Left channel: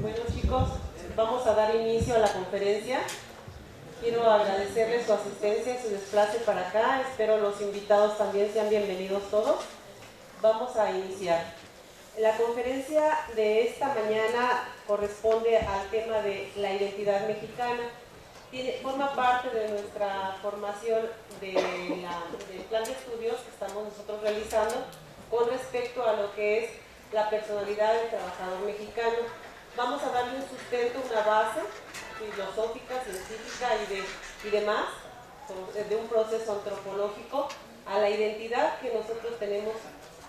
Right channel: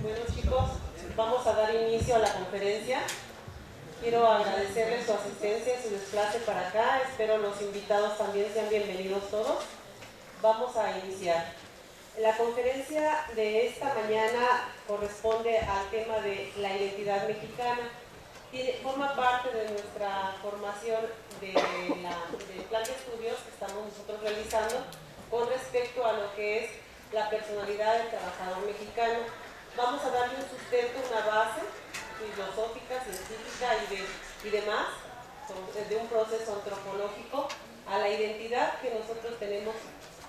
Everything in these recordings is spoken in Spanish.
Bueno, chicos, vamos a dar inicio a la conferencia. Quiero agradecerles su asistencia y su desplace para acá. Espero los invitados también sean bienvenidos todos. Vamos a iniciar. La conferencia de esta mañana corresponde al tema de la identidad mexicana. Forma parte de nuestra formación del plan de estudios que estamos nosotros realizando con respecto a lo que es la personalidad del trabajador mexicano. Vamos a darle un sustento, una base filosófica, científica y demás, de un proceso antropológico a la identidad que nosotros tenemos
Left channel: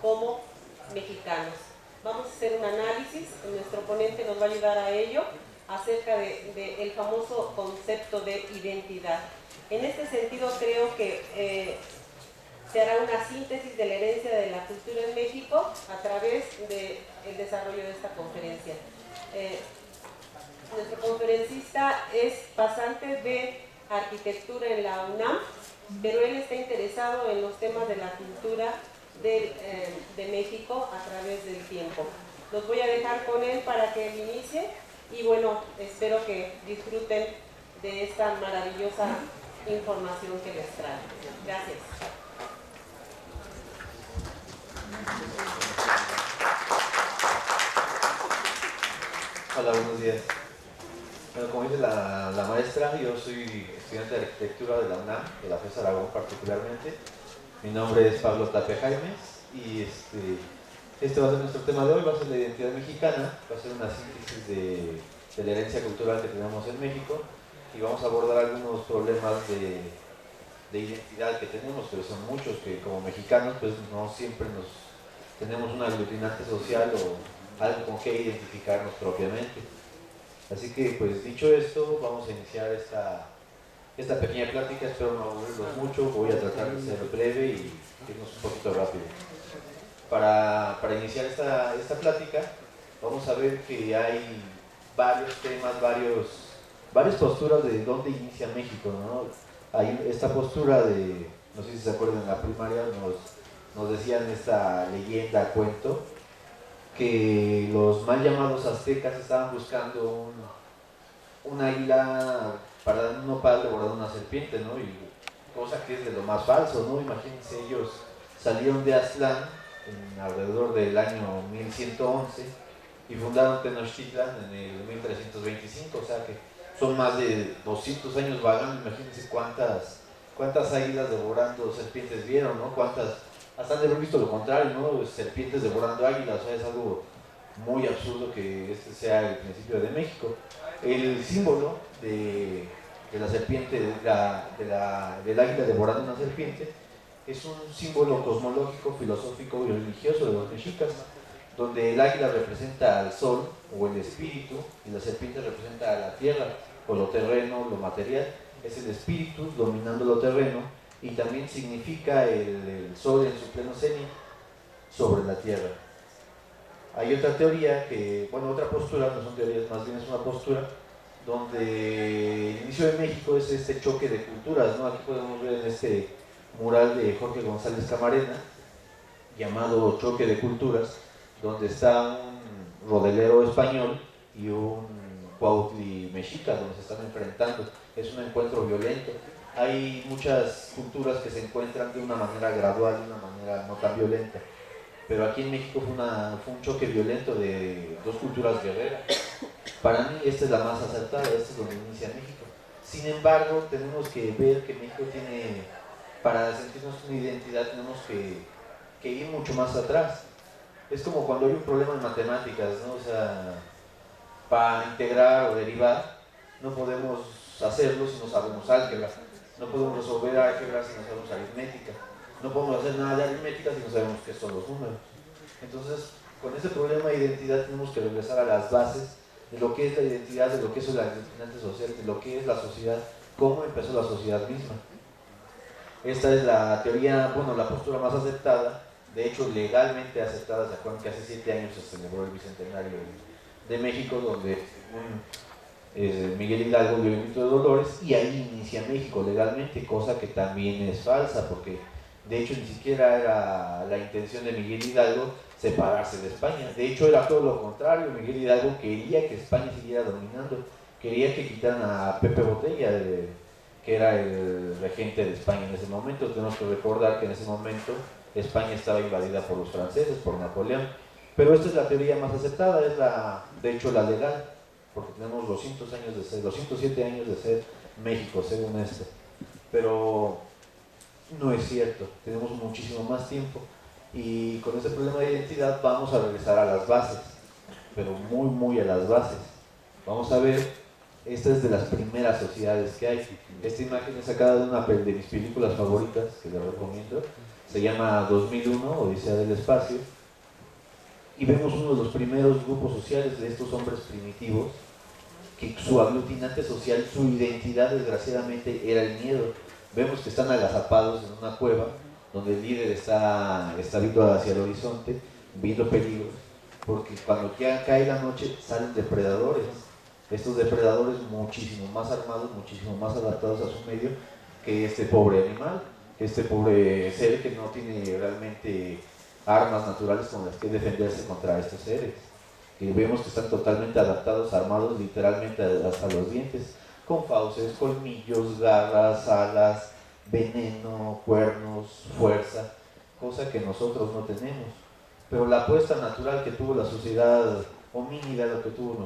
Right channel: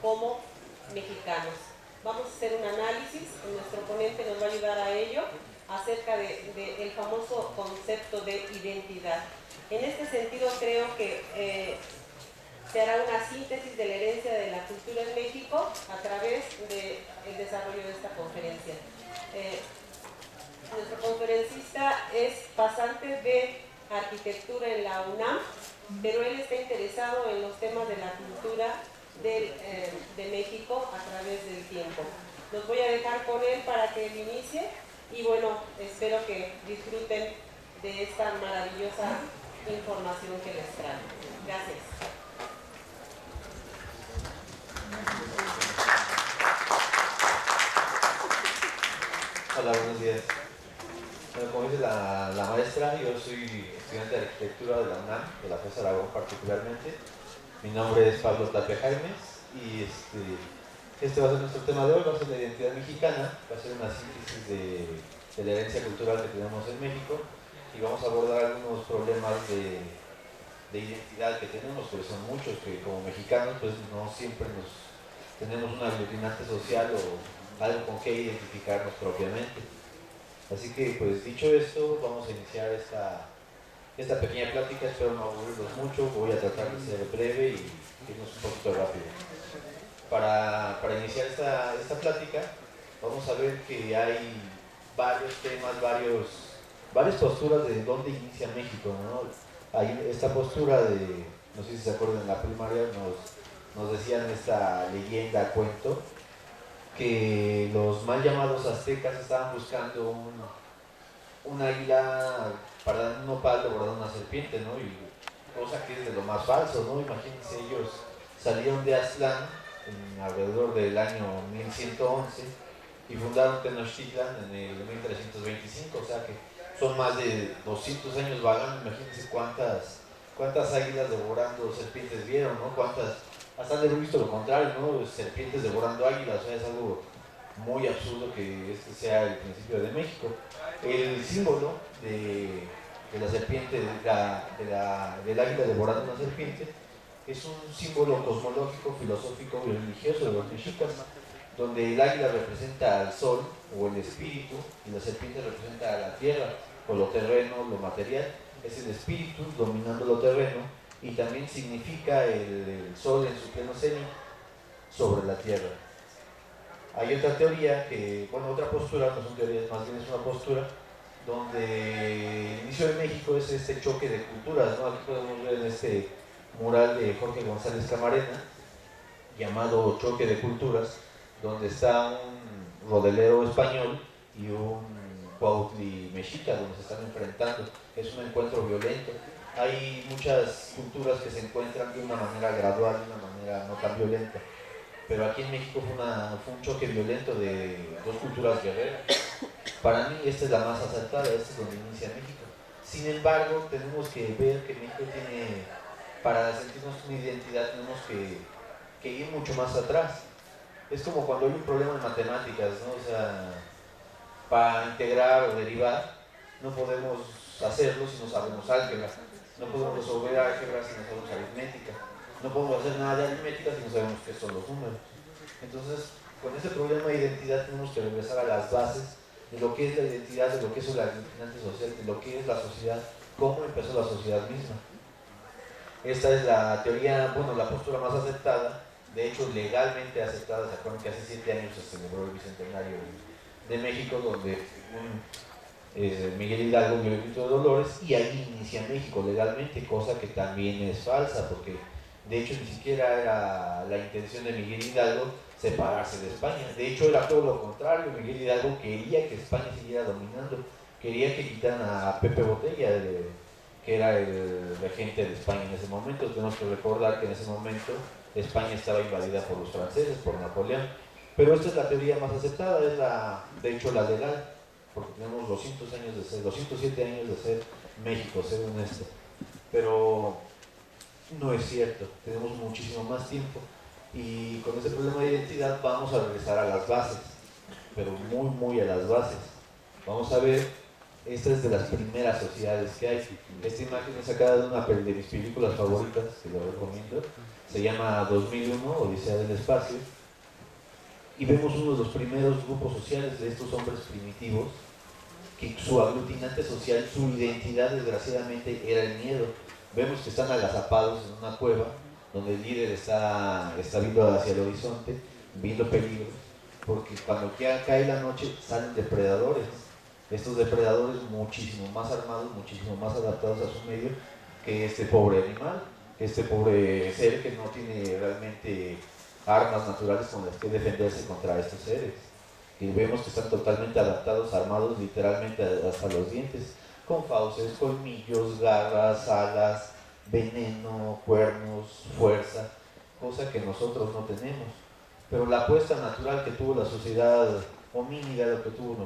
como mexicanos. Vamos a hacer un análisis, nuestro ponente nos va a ayudar a ello, acerca del famoso concepto de identidad. En este sentido creo que se hará una síntesis de la herencia de la cultura en México a través del desarrollo de esta conferencia. Nuestro conferencista es pasante de arquitectura en la UNAM, pero él está interesado en los temas de la cultura de México a través del tiempo. Los voy a dejar con él para que él inicie y bueno, espero que disfruten de esta maravillosa información que les trae. Gracias. Hola, buenos días. Bueno, como dice la maestra, yo soy estudiante de arquitectura de la UNAM, de la FES Aragón particularmente. Mi nombre es Pablo Tapia Jaimes y este va a ser nuestro tema de hoy, va a ser la identidad mexicana, va a ser una síntesis de la herencia cultural que tenemos en México y vamos a abordar algunos problemas de identidad que tenemos, pues son muchos, que como mexicanos pues no siempre tenemos un aglutinante social o algo con que identificarnos propiamente. Así que pues dicho esto, vamos a iniciar esta pequeña plática. Espero no aburrirlos mucho, voy a tratar de ser breve y irnos un poquito rápido. Para iniciar esta plática vamos a ver que hay varios temas, varias posturas de dónde inicia México, ¿no? Hay esta postura de, no sé si se acuerdan, en la primaria nos decían esta leyenda, cuento, que los mal llamados aztecas estaban buscando un águila para dar un nopal devorando una serpiente, ¿no? Y cosa que es de lo más falso, ¿no? Imagínense, ellos salieron de Aztlán alrededor del año 1111 y fundaron Tenochtitlan en el 1325, o sea que son más de 200 años vagando. Imagínense cuántas águilas devorando serpientes vieron, ¿no? Hasta han de haber visto lo contrario, ¿no? Serpientes devorando águilas, o sea, es algo muy absurdo que este sea el principio de México. El símbolo de la serpiente, del águila devorando una serpiente, es un símbolo cosmológico, filosófico y religioso de los mexicas, donde el águila representa al sol o el espíritu y la serpiente representa a la tierra o lo terreno, lo material. Es el espíritu dominando lo terreno y también significa el sol en su pleno cenit sobre la tierra. Hay otra teoría otra postura, no son teorías, más bien es una postura, donde el inicio de México es este choque de culturas, ¿no? Aquí podemos ver en este mural de Jorge González Camarena, llamado Choque de Culturas, donde está un rodelero español y un cuautli mexica, donde se están enfrentando. Es un encuentro violento. Hay muchas culturas que se encuentran de una manera gradual, de una manera no tan violenta. Pero aquí en México fue un choque violento de dos culturas guerreras. Para mí esta es la más acertada, esta es donde inicia México. Sin embargo, tenemos que ver que México para sentirnos una identidad, tenemos que ir mucho más atrás. Es como cuando hay un problema en matemáticas, ¿no? O sea, para integrar o derivar, no podemos hacerlo si no sabemos álgebra. No podemos resolver álgebra si no sabemos aritmética. No podemos hacer nada de aritmética si no sabemos qué son los números. Entonces, con ese problema de identidad tenemos que regresar a las bases de lo que es la identidad, de lo que es el aglutinante social, de lo que es la sociedad, cómo empezó la sociedad misma. Esta es la teoría, la postura más aceptada, de hecho legalmente aceptada. Se acuerdan que hace 7 años se celebró el Bicentenario de México, donde Miguel Hidalgo dio el grito de Dolores y ahí inicia México legalmente, cosa que también es falsa, porque de hecho ni siquiera era la intención de Miguel Hidalgo separarse de España. De hecho, era todo lo contrario. Miguel Hidalgo quería que España siguiera dominando, quería que quitaran a Pepe Botella, que era el regente de España en ese momento. Tenemos que recordar que en ese momento España estaba invadida por los franceses, por Napoleón. Pero esta es la teoría más aceptada, es de hecho la legal, porque tenemos 207 años de ser México, según esto. Pero no es cierto, tenemos muchísimo más tiempo. Y con este problema de identidad vamos a regresar a las bases, pero muy a las bases. Vamos a ver, esta es de las primeras sociedades que hay. Esta imagen es sacada de una de mis películas favoritas, que la recomiendo. Se llama 2001, Odisea del Espacio. Y vemos uno de los primeros grupos sociales de estos hombres primitivos, que su aglutinante social, su identidad desgraciadamente era el miedo. Vemos que están agazapados en una cueva, donde el líder está viendo hacia el horizonte, viendo peligros, porque cuando ya cae la noche salen depredadores. Estos depredadores muchísimo más armados, muchísimo más adaptados a su medio que este pobre animal, que este pobre ser que no tiene realmente armas naturales con las que defenderse contra estos seres. Y vemos que están totalmente adaptados, armados literalmente hasta los dientes, con fauces, colmillos, garras, alas, veneno, cuernos, fuerza, cosa que nosotros no tenemos. Pero la apuesta natural que tuvo la sociedad homínida, lo que tuvo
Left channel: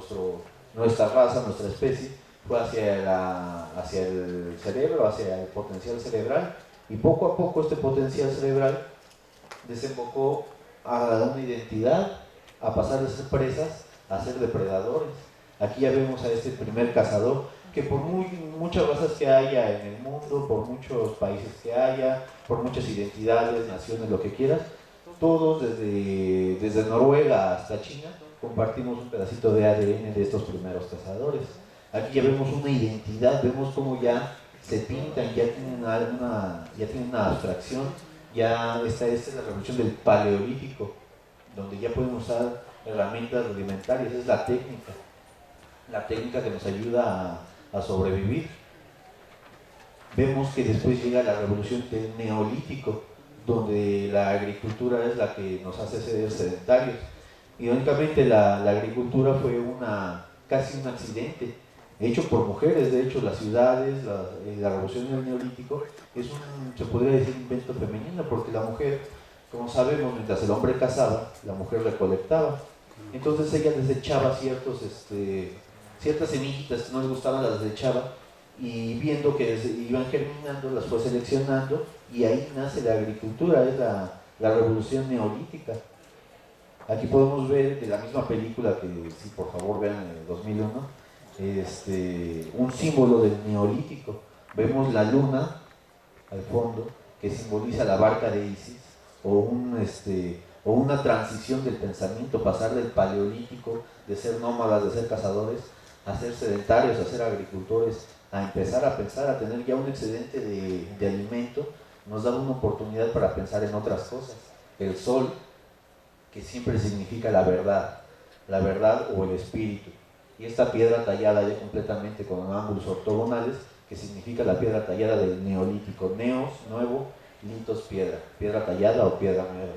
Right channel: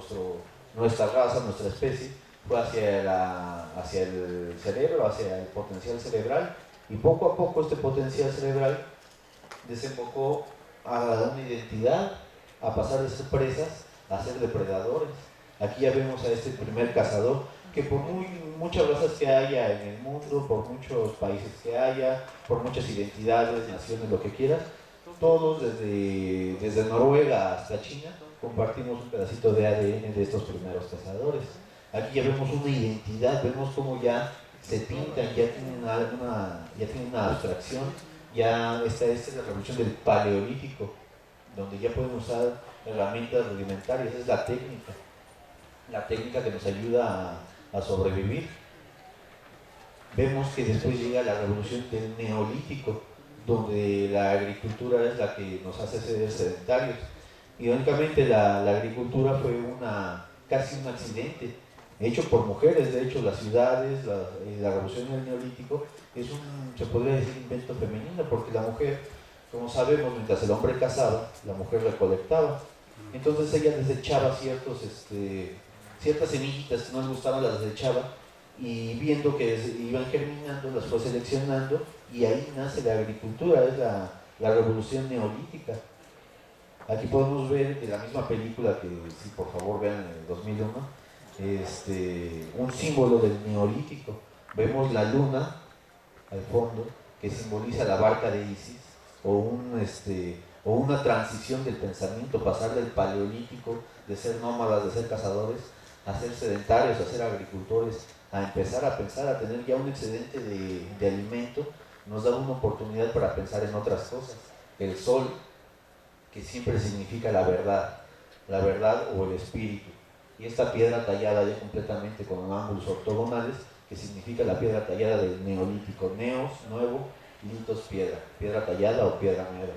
nuestra raza, nuestra especie, fue hacia el cerebro, hacia el potencial cerebral, y poco a poco este potencial cerebral desembocó a una identidad, a pasar de ser presas a ser depredadores. Aquí ya vemos a este primer cazador, que por muchas razas que haya en el mundo, por muchos países que haya, por muchas identidades, naciones, lo que quieras, todos desde Noruega hasta China compartimos un pedacito de ADN de estos primeros cazadores. Aquí ya vemos una identidad, vemos cómo ya se pintan, ya tienen una abstracción. Ya esta es la revolución del paleolítico, donde ya podemos usar herramientas rudimentarias, es la técnica que nos ayuda a sobrevivir. Vemos que después llega la revolución del neolítico, donde la agricultura es la que nos hace ser sedentarios. Irónicamente la agricultura fue casi un accidente, hecho por mujeres. De hecho, las ciudades, la revolución del neolítico es se podría decir, invento femenino, porque la mujer, como sabemos, mientras el hombre cazaba, la mujer recolectaba. Entonces ella desechaba ciertas semillitas que no les gustaban, las desechaba, y viendo que iban germinando, las fue seleccionando, y ahí nace la agricultura, es la revolución neolítica. Aquí podemos ver de la misma película, que si por favor vean en el 2001, un símbolo del neolítico. Vemos la luna al fondo, que simboliza la barca de Isis, o una transición del pensamiento, pasar del paleolítico, de ser nómadas, de ser cazadores, a ser sedentarios, a ser agricultores, a empezar a pensar, a tener ya un excedente de alimento. Nos da una oportunidad para pensar en otras cosas. El sol, que siempre significa la verdad o el espíritu, y esta piedra tallada ya completamente con ángulos ortogonales, que significa la piedra tallada del neolítico. Neos, nuevo, litos, piedra tallada o piedra nueva,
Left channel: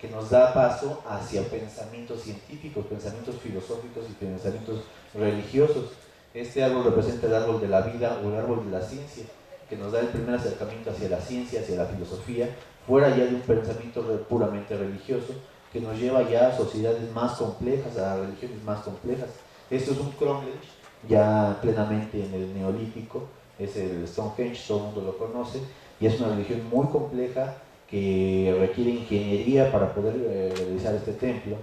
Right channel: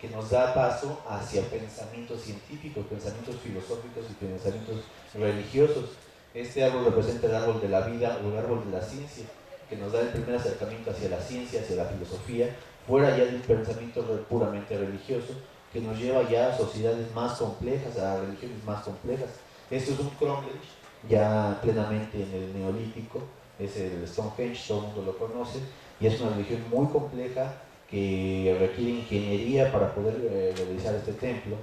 que nos da paso hacia pensamientos científicos, pensamientos filosóficos y pensamientos religiosos. Este árbol representa el árbol de la vida o el árbol de la ciencia, que nos da el primer acercamiento hacia la ciencia, hacia la filosofía, fuera ya de un pensamiento puramente religioso, que nos lleva ya a sociedades más complejas, a religiones más complejas. Esto es un Cromlech, ya plenamente en el neolítico, es el Stonehenge, todo el mundo lo conoce, y es una religión muy compleja que requiere ingeniería para poder realizar este templo,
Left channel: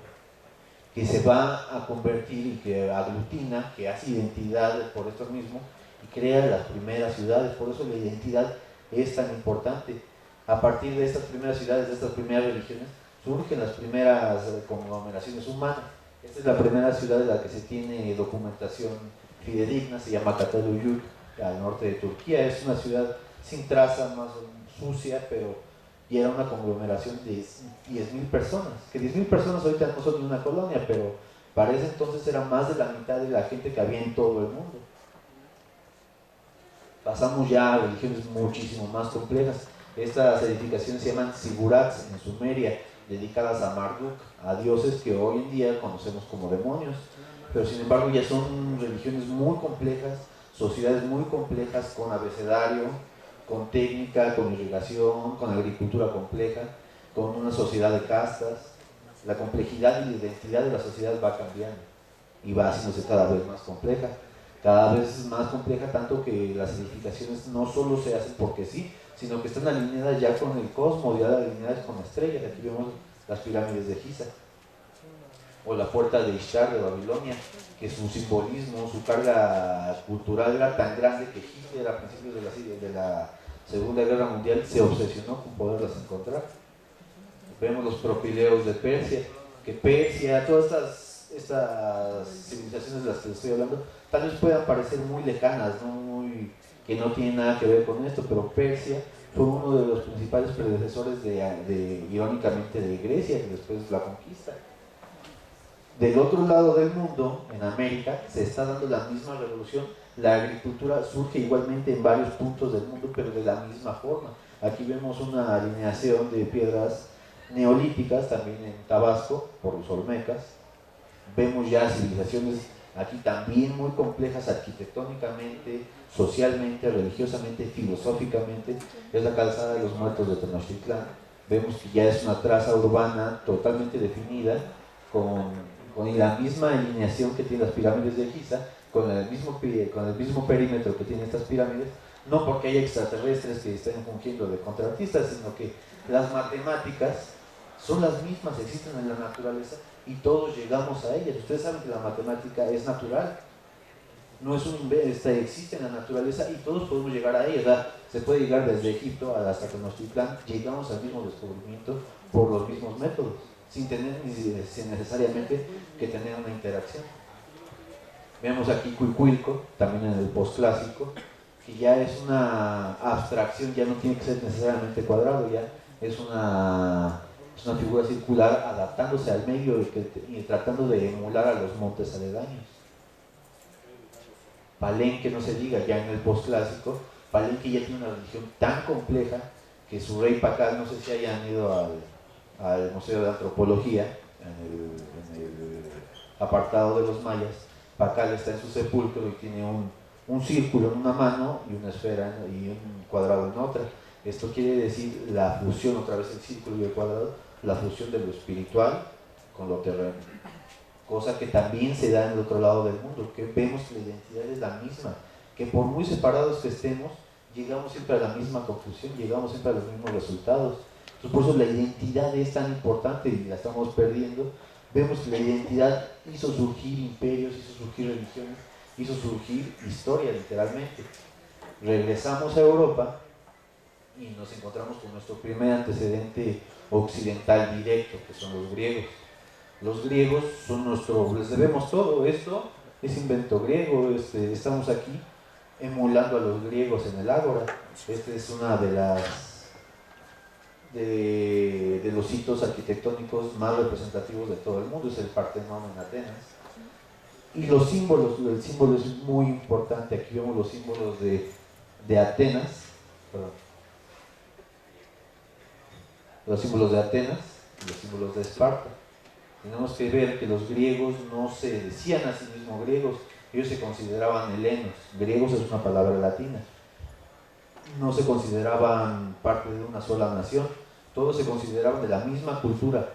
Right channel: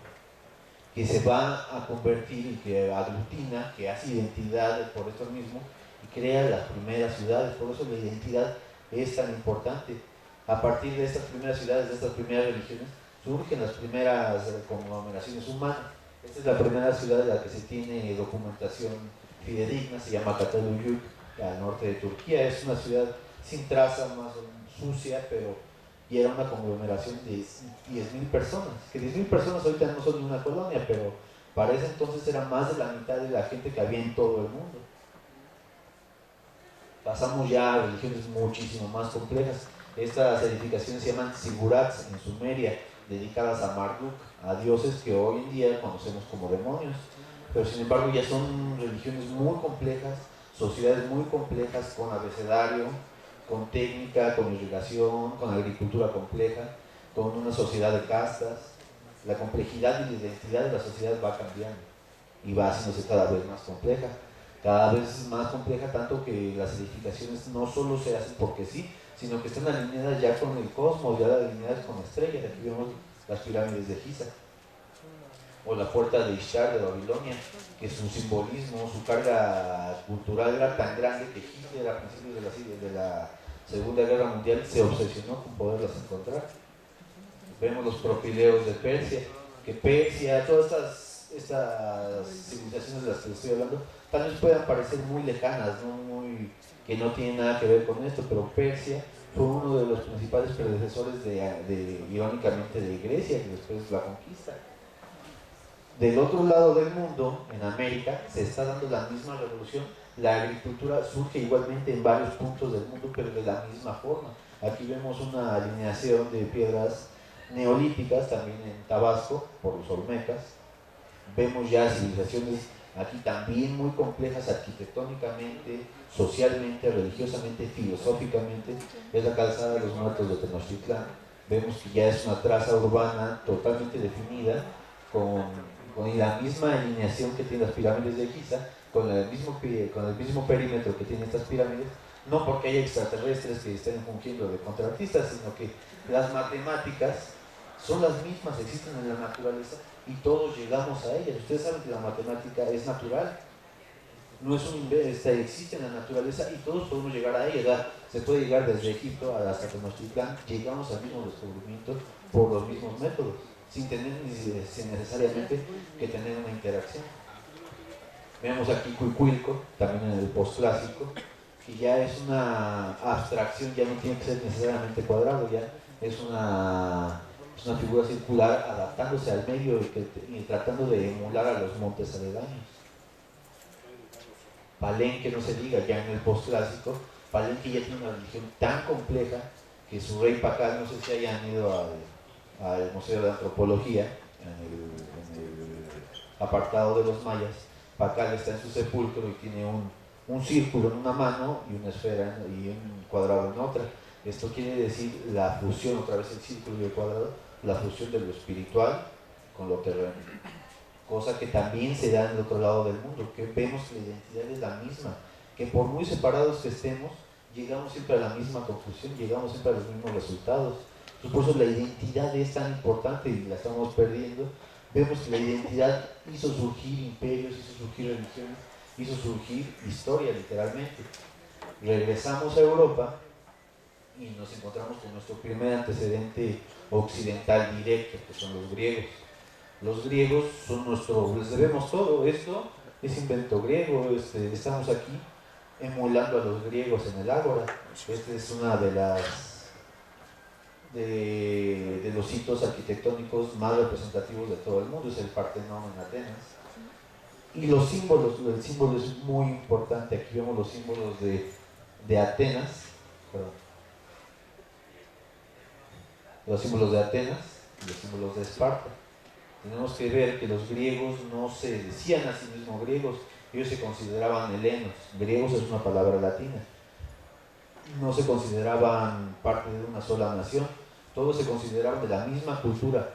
que se va a convertir y que aglutina, que hace identidad por esto mismo y crea las primeras ciudades. Por eso la identidad es tan importante. A partir de estas primeras ciudades, de estas primeras religiones, surgen las primeras conglomeraciones humanas. Esta es la primera ciudad de la que se tiene documentación fidedigna, se llama Cataluyuk, al norte de Turquía. Es una ciudad sin traza, más sucia, pero y era una conglomeración de 10.000 personas, que 10.000 personas ahorita no son de una colonia, pero para ese entonces era más de la mitad de la gente que había en todo el mundo. Pasamos ya a religiones muchísimo más complejas. Estas edificaciones se llaman zigurats en Sumeria, dedicadas a Marduk, a dioses que hoy en día conocemos como demonios, pero sin embargo ya son religiones muy complejas, sociedades muy complejas, con abecedario, con técnica, con irrigación, con agricultura compleja, con una sociedad de castas. La complejidad y la identidad de la sociedad va cambiando y va haciéndose cada vez más compleja, tanto que las edificaciones no solo se hacen porque sí, sino que están alineadas ya con el cosmos, ya alineadas con estrellas. Aquí vemos las pirámides de Giza, o la puerta de Ishtar de Babilonia, que su simbolismo, su carga cultural era tan grande que Hitler a principios de la Segunda Guerra Mundial se obsesionó con poderlas encontrar. Vemos los propileos de Persia, que Persia, todas estas civilizaciones de las que les estoy hablando, tal vez puedan parecer muy lejanas, que no tienen nada que ver con esto, pero Persia fue uno de los principales predecesores irónicamente, de Grecia, que después la conquista. Del otro lado del mundo, en América, se está dando la misma revolución. La agricultura surge igualmente en varios puntos del mundo, pero de la misma forma. Aquí vemos una alineación de piedras neolíticas, también en Tabasco, por los olmecas. Vemos ya civilizaciones aquí también muy complejas arquitectónicamente, socialmente, religiosamente, filosóficamente. Es la calzada de los muertos de Tenochtitlán. Vemos que ya es una traza urbana totalmente definida, con la misma alineación que tienen las pirámides de Giza, con el mismo perímetro que tienen estas pirámides, no porque haya extraterrestres que estén fungiendo de contratistas, sino que las matemáticas son las mismas, existen en la naturaleza y todos llegamos a ellas. Ustedes saben que la matemática es natural, no es un invento, existe en la naturaleza y todos podemos llegar a ella. Se puede llegar desde Egipto hasta Tenochtitlán, llegamos al mismo descubrimiento por los mismos métodos, sin necesariamente que tener una interacción. Vemos aquí Cuicuilco, también en el postclásico, que ya es una abstracción, ya no tiene que ser necesariamente cuadrado, ya es una figura circular adaptándose al medio y tratando de emular a los montes aledaños. Palenque, no se diga, ya en el postclásico, Palenque ya tiene una religión tan compleja que su rey Pacal, no sé si hayan ido al Museo de Antropología, en el apartado de los mayas. Pacal está en su sepulcro y tiene un círculo en una mano y una esfera y un cuadrado en otra. Esto quiere decir la fusión, otra vez el círculo y el cuadrado, la fusión de lo espiritual con lo terreno. Cosa que también se da en el otro lado del mundo, que vemos que la identidad es la misma, que por muy separados que estemos, llegamos siempre a la misma conclusión, llegamos siempre a los mismos resultados. Por eso la identidad es tan importante y la estamos perdiendo. Vemos que la identidad hizo surgir imperios, hizo surgir religiones, hizo surgir historia literalmente. Regresamos a Europa y nos encontramos con nuestro primer antecedente occidental directo, que son los griegos. Los griegos son les debemos todo. Esto es invento griego. Estamos aquí emulando a los griegos en el Ágora. Este es una de los hitos arquitectónicos más representativos de todo el mundo, es el Partenón en Atenas. Y los símbolos, el símbolo es muy importante. Aquí vemos los símbolos de Atenas, los símbolos de Atenas y los símbolos de Esparta. Tenemos que ver que los griegos no se decían a sí mismos griegos, ellos se consideraban helenos. Griegos es una palabra latina. No se consideraban parte de una sola nación, todos se consideraban de la misma cultura.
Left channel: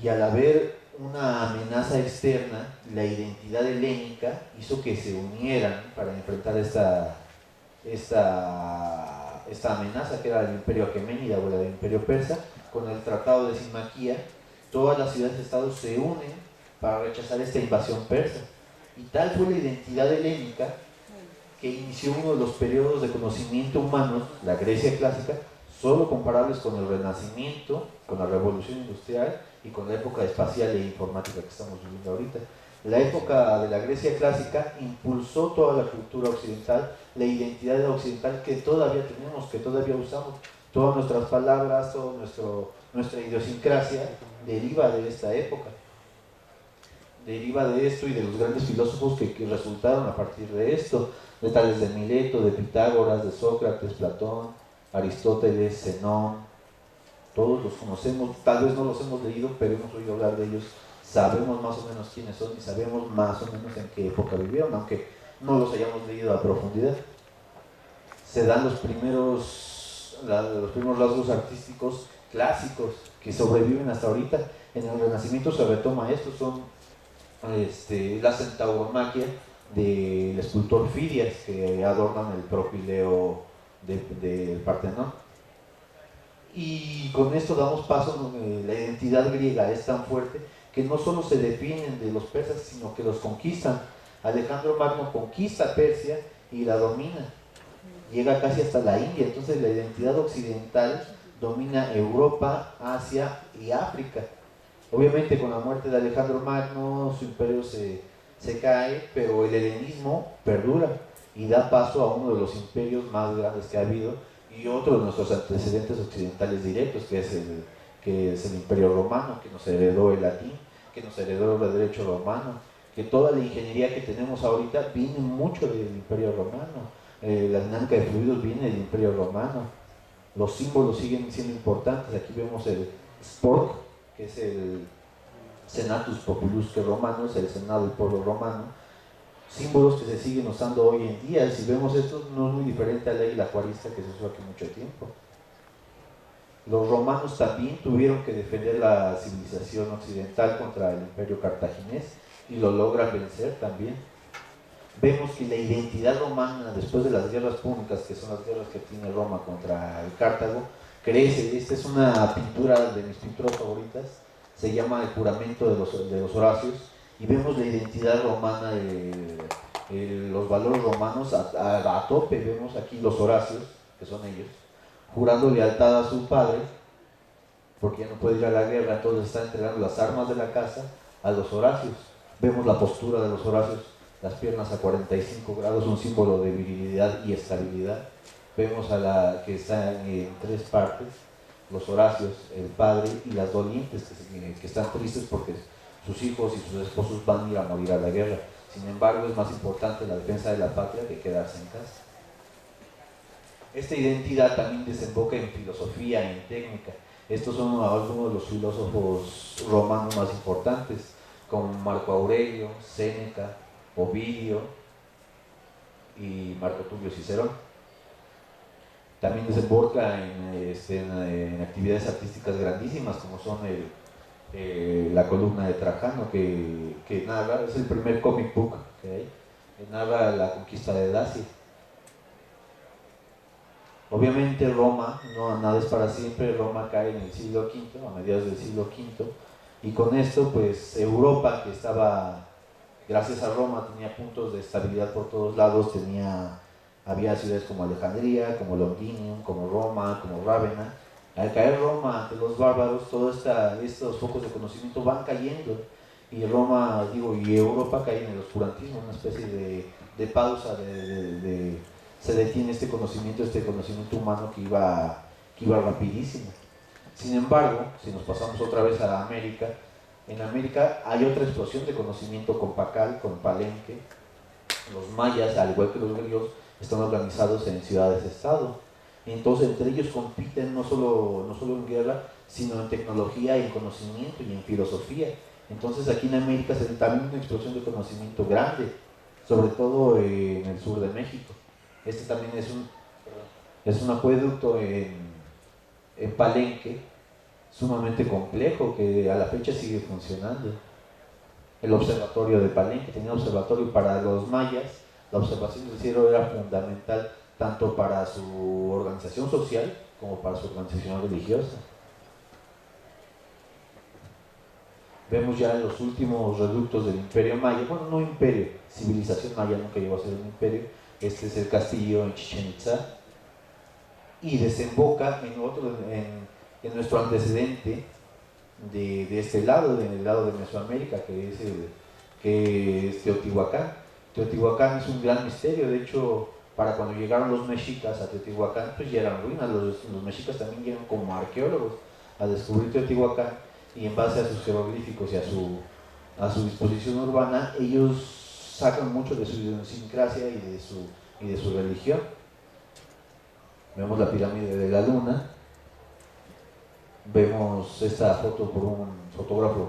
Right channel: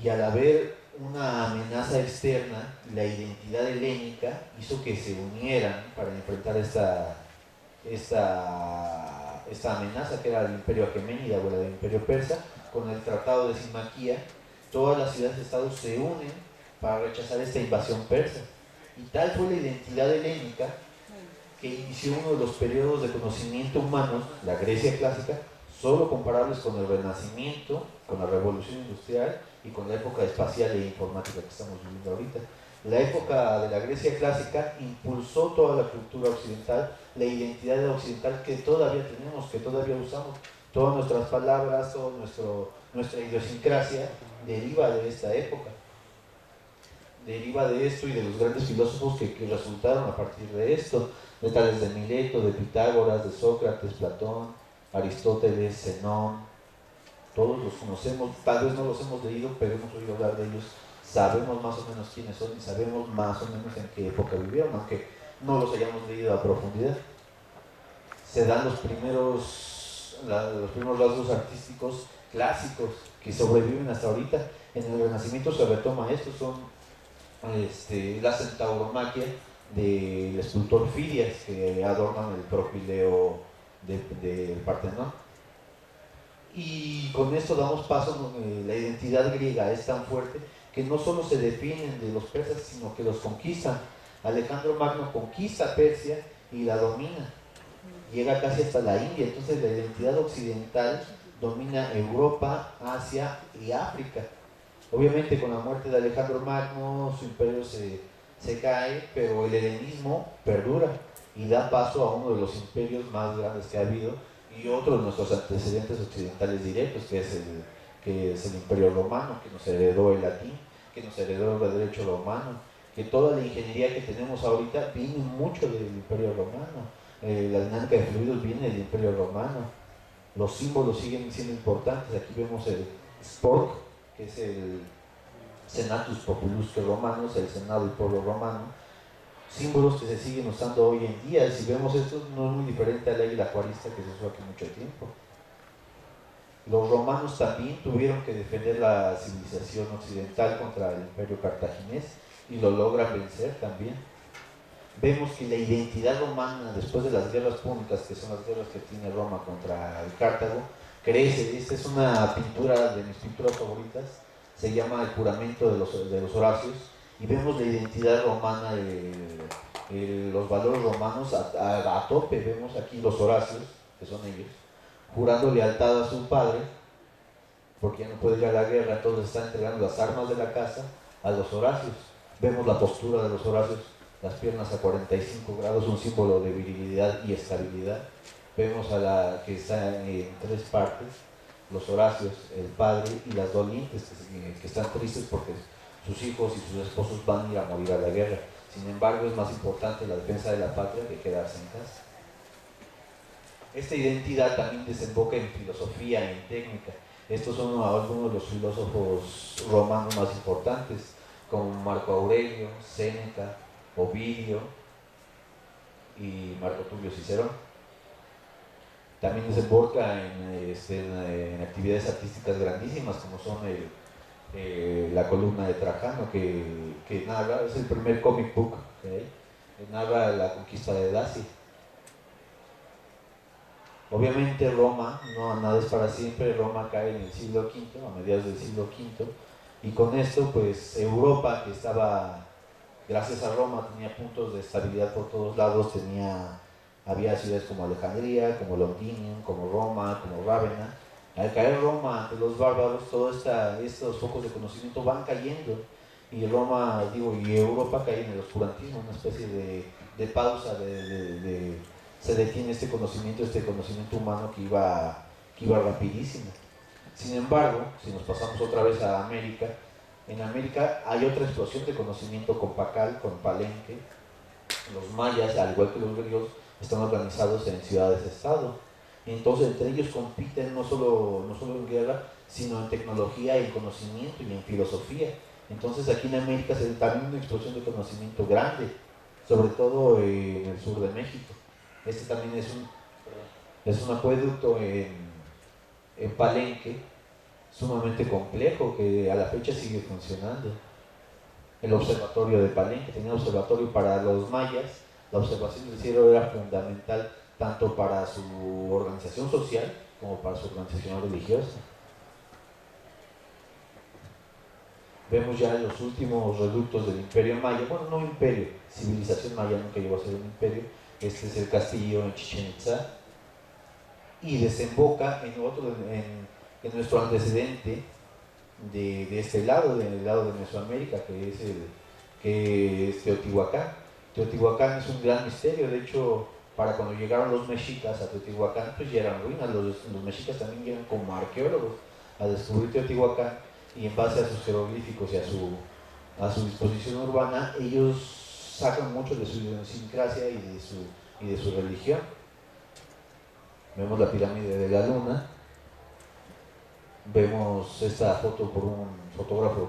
Y al haber una amenaza externa, la identidad helénica hizo que se unieran para enfrentar esta amenaza que era el imperio aqueménida o el imperio persa. Con el tratado de Simaquía, todas las ciudades-estados se unen para rechazar esta invasión persa. Y tal fue la identidad helénica que inició uno de los periodos de conocimiento humano, la Grecia clásica, solo comparables con el Renacimiento, con la Revolución Industrial y con la época espacial e informática que estamos viviendo ahorita. La época de la Grecia clásica impulsó toda la cultura occidental, la identidad occidental que todavía tenemos, que todavía usamos. Todas nuestras palabras, toda nuestra idiosincrasia deriva de esta época. Deriva de esto y de los grandes filósofos que resultaron a partir de esto, de tales de Mileto, de Pitágoras, de Sócrates, Platón, Aristóteles, Zenón, todos los conocemos, tal vez no los hemos leído, pero hemos oído hablar de ellos, sabemos más o menos quiénes son y sabemos más o menos en qué época vivieron, aunque no los hayamos leído a profundidad. Se dan los primeros rasgos artísticos clásicos que sobreviven hasta ahorita. En el Renacimiento se retoma esto, son la centauromaquia del escultor Fidias, que adornan el propileo del Partenón. Y con esto damos paso, la identidad griega es tan fuerte que no solo se definen de los persas, sino que los conquistan. Alejandro Magno conquista Persia y la domina, llega casi hasta la India. Entonces la identidad occidental domina Europa, Asia y África. Obviamente con la muerte de Alejandro Magno su imperio se cae, pero el helenismo perdura y da paso a uno de los imperios más grandes que ha habido y otro de nuestros antecedentes occidentales directos, que es el imperio romano, que nos heredó el latín, que nos heredó el derecho romano, que toda la ingeniería que tenemos ahorita viene mucho del imperio romano. La dinámica de fluidos viene del imperio romano, los símbolos siguen siendo importantes. Aquí vemos el spork, que es el Senatus Populusque Romanos, el Senado del pueblo romano, símbolos que se siguen usando hoy en día. Si vemos esto, no es muy diferente al águila juarista que se usó aquí mucho tiempo. Los romanos también tuvieron que defender la civilización occidental contra el imperio cartaginés y lo logran vencer también. Vemos que la identidad romana, después de las guerras púnicas, que son las guerras que tiene Roma contra el Cartago, crece. Esta es una pintura de mis pinturas favoritas, se llama El juramento de los Horacios, y vemos la identidad romana, los valores romanos a tope. Vemos aquí los Horacios, que son ellos, jurando lealtad a su padre, porque ya no puede ir a la guerra, entonces están entregando las armas de la casa a los Horacios. Vemos la postura de los Horacios, las piernas a 45 grados, un símbolo de virilidad y estabilidad. Vemos a la que está en tres partes, los Horacios, el padre y las dolientes, que están tristes porque sus hijos y sus esposos van a ir a morir a la guerra. Sin embargo, es más importante la defensa de la patria que quedarse en casa. Esta identidad también desemboca en filosofía y en técnica. Estos son algunos de los filósofos romanos más importantes, como Marco Aurelio, Séneca, Ovidio y Marco Tulio Cicerón. También desemboca en actividades artísticas grandísimas, como son la columna de Trajano, que narra, es el primer comic book que narra la conquista de Dacia. Obviamente Roma, no nada es para siempre. Roma cae en el siglo V, a mediados del siglo V, y con esto pues Europa, que estaba, gracias a Roma, tenía puntos de estabilidad por todos lados. Había ciudades como Alejandría, como Londinium, como Roma, como Rávena. Al caer Roma ante los bárbaros, todos estos focos de conocimiento van cayendo, y y Europa cae en el oscurantismo, una especie de pausa, se detiene este conocimiento humano que iba rapidísimo. Sin embargo, si nos pasamos otra vez a América, en América hay otra explosión de conocimiento con Pacal, con Palenque. Los mayas, al igual que los griegos, están organizados en ciudades-estado. Entonces, entre ellos compiten no solo en guerra, sino en tecnología, en conocimiento y en filosofía. Entonces, aquí en América se da también una explosión de conocimiento grande, sobre todo en el sur de México. Este también es un acueducto en Palenque, sumamente complejo, que a la fecha sigue funcionando. El observatorio de Palenque tenía un observatorio para los mayas. La observación del cielo era fundamental tanto para su organización social como para su organización religiosa. Vemos ya en los últimos reductos del imperio maya, bueno, no imperio, civilización maya nunca llegó a ser un imperio. Este es el castillo en Chichén Itzá, y desemboca en nuestro antecedente de este lado, del lado de Mesoamérica, que es Teotihuacán. Teotihuacán es un gran misterio. De hecho, para cuando llegaron los mexicas a Teotihuacán, pues ya eran ruinas. Los mexicas también llegan como arqueólogos a descubrir Teotihuacán, y en base a sus jeroglíficos y a su disposición urbana, ellos sacan mucho de su idiosincrasia y de su religión. Vemos la pirámide de la Luna. Vemos esta foto por un fotógrafo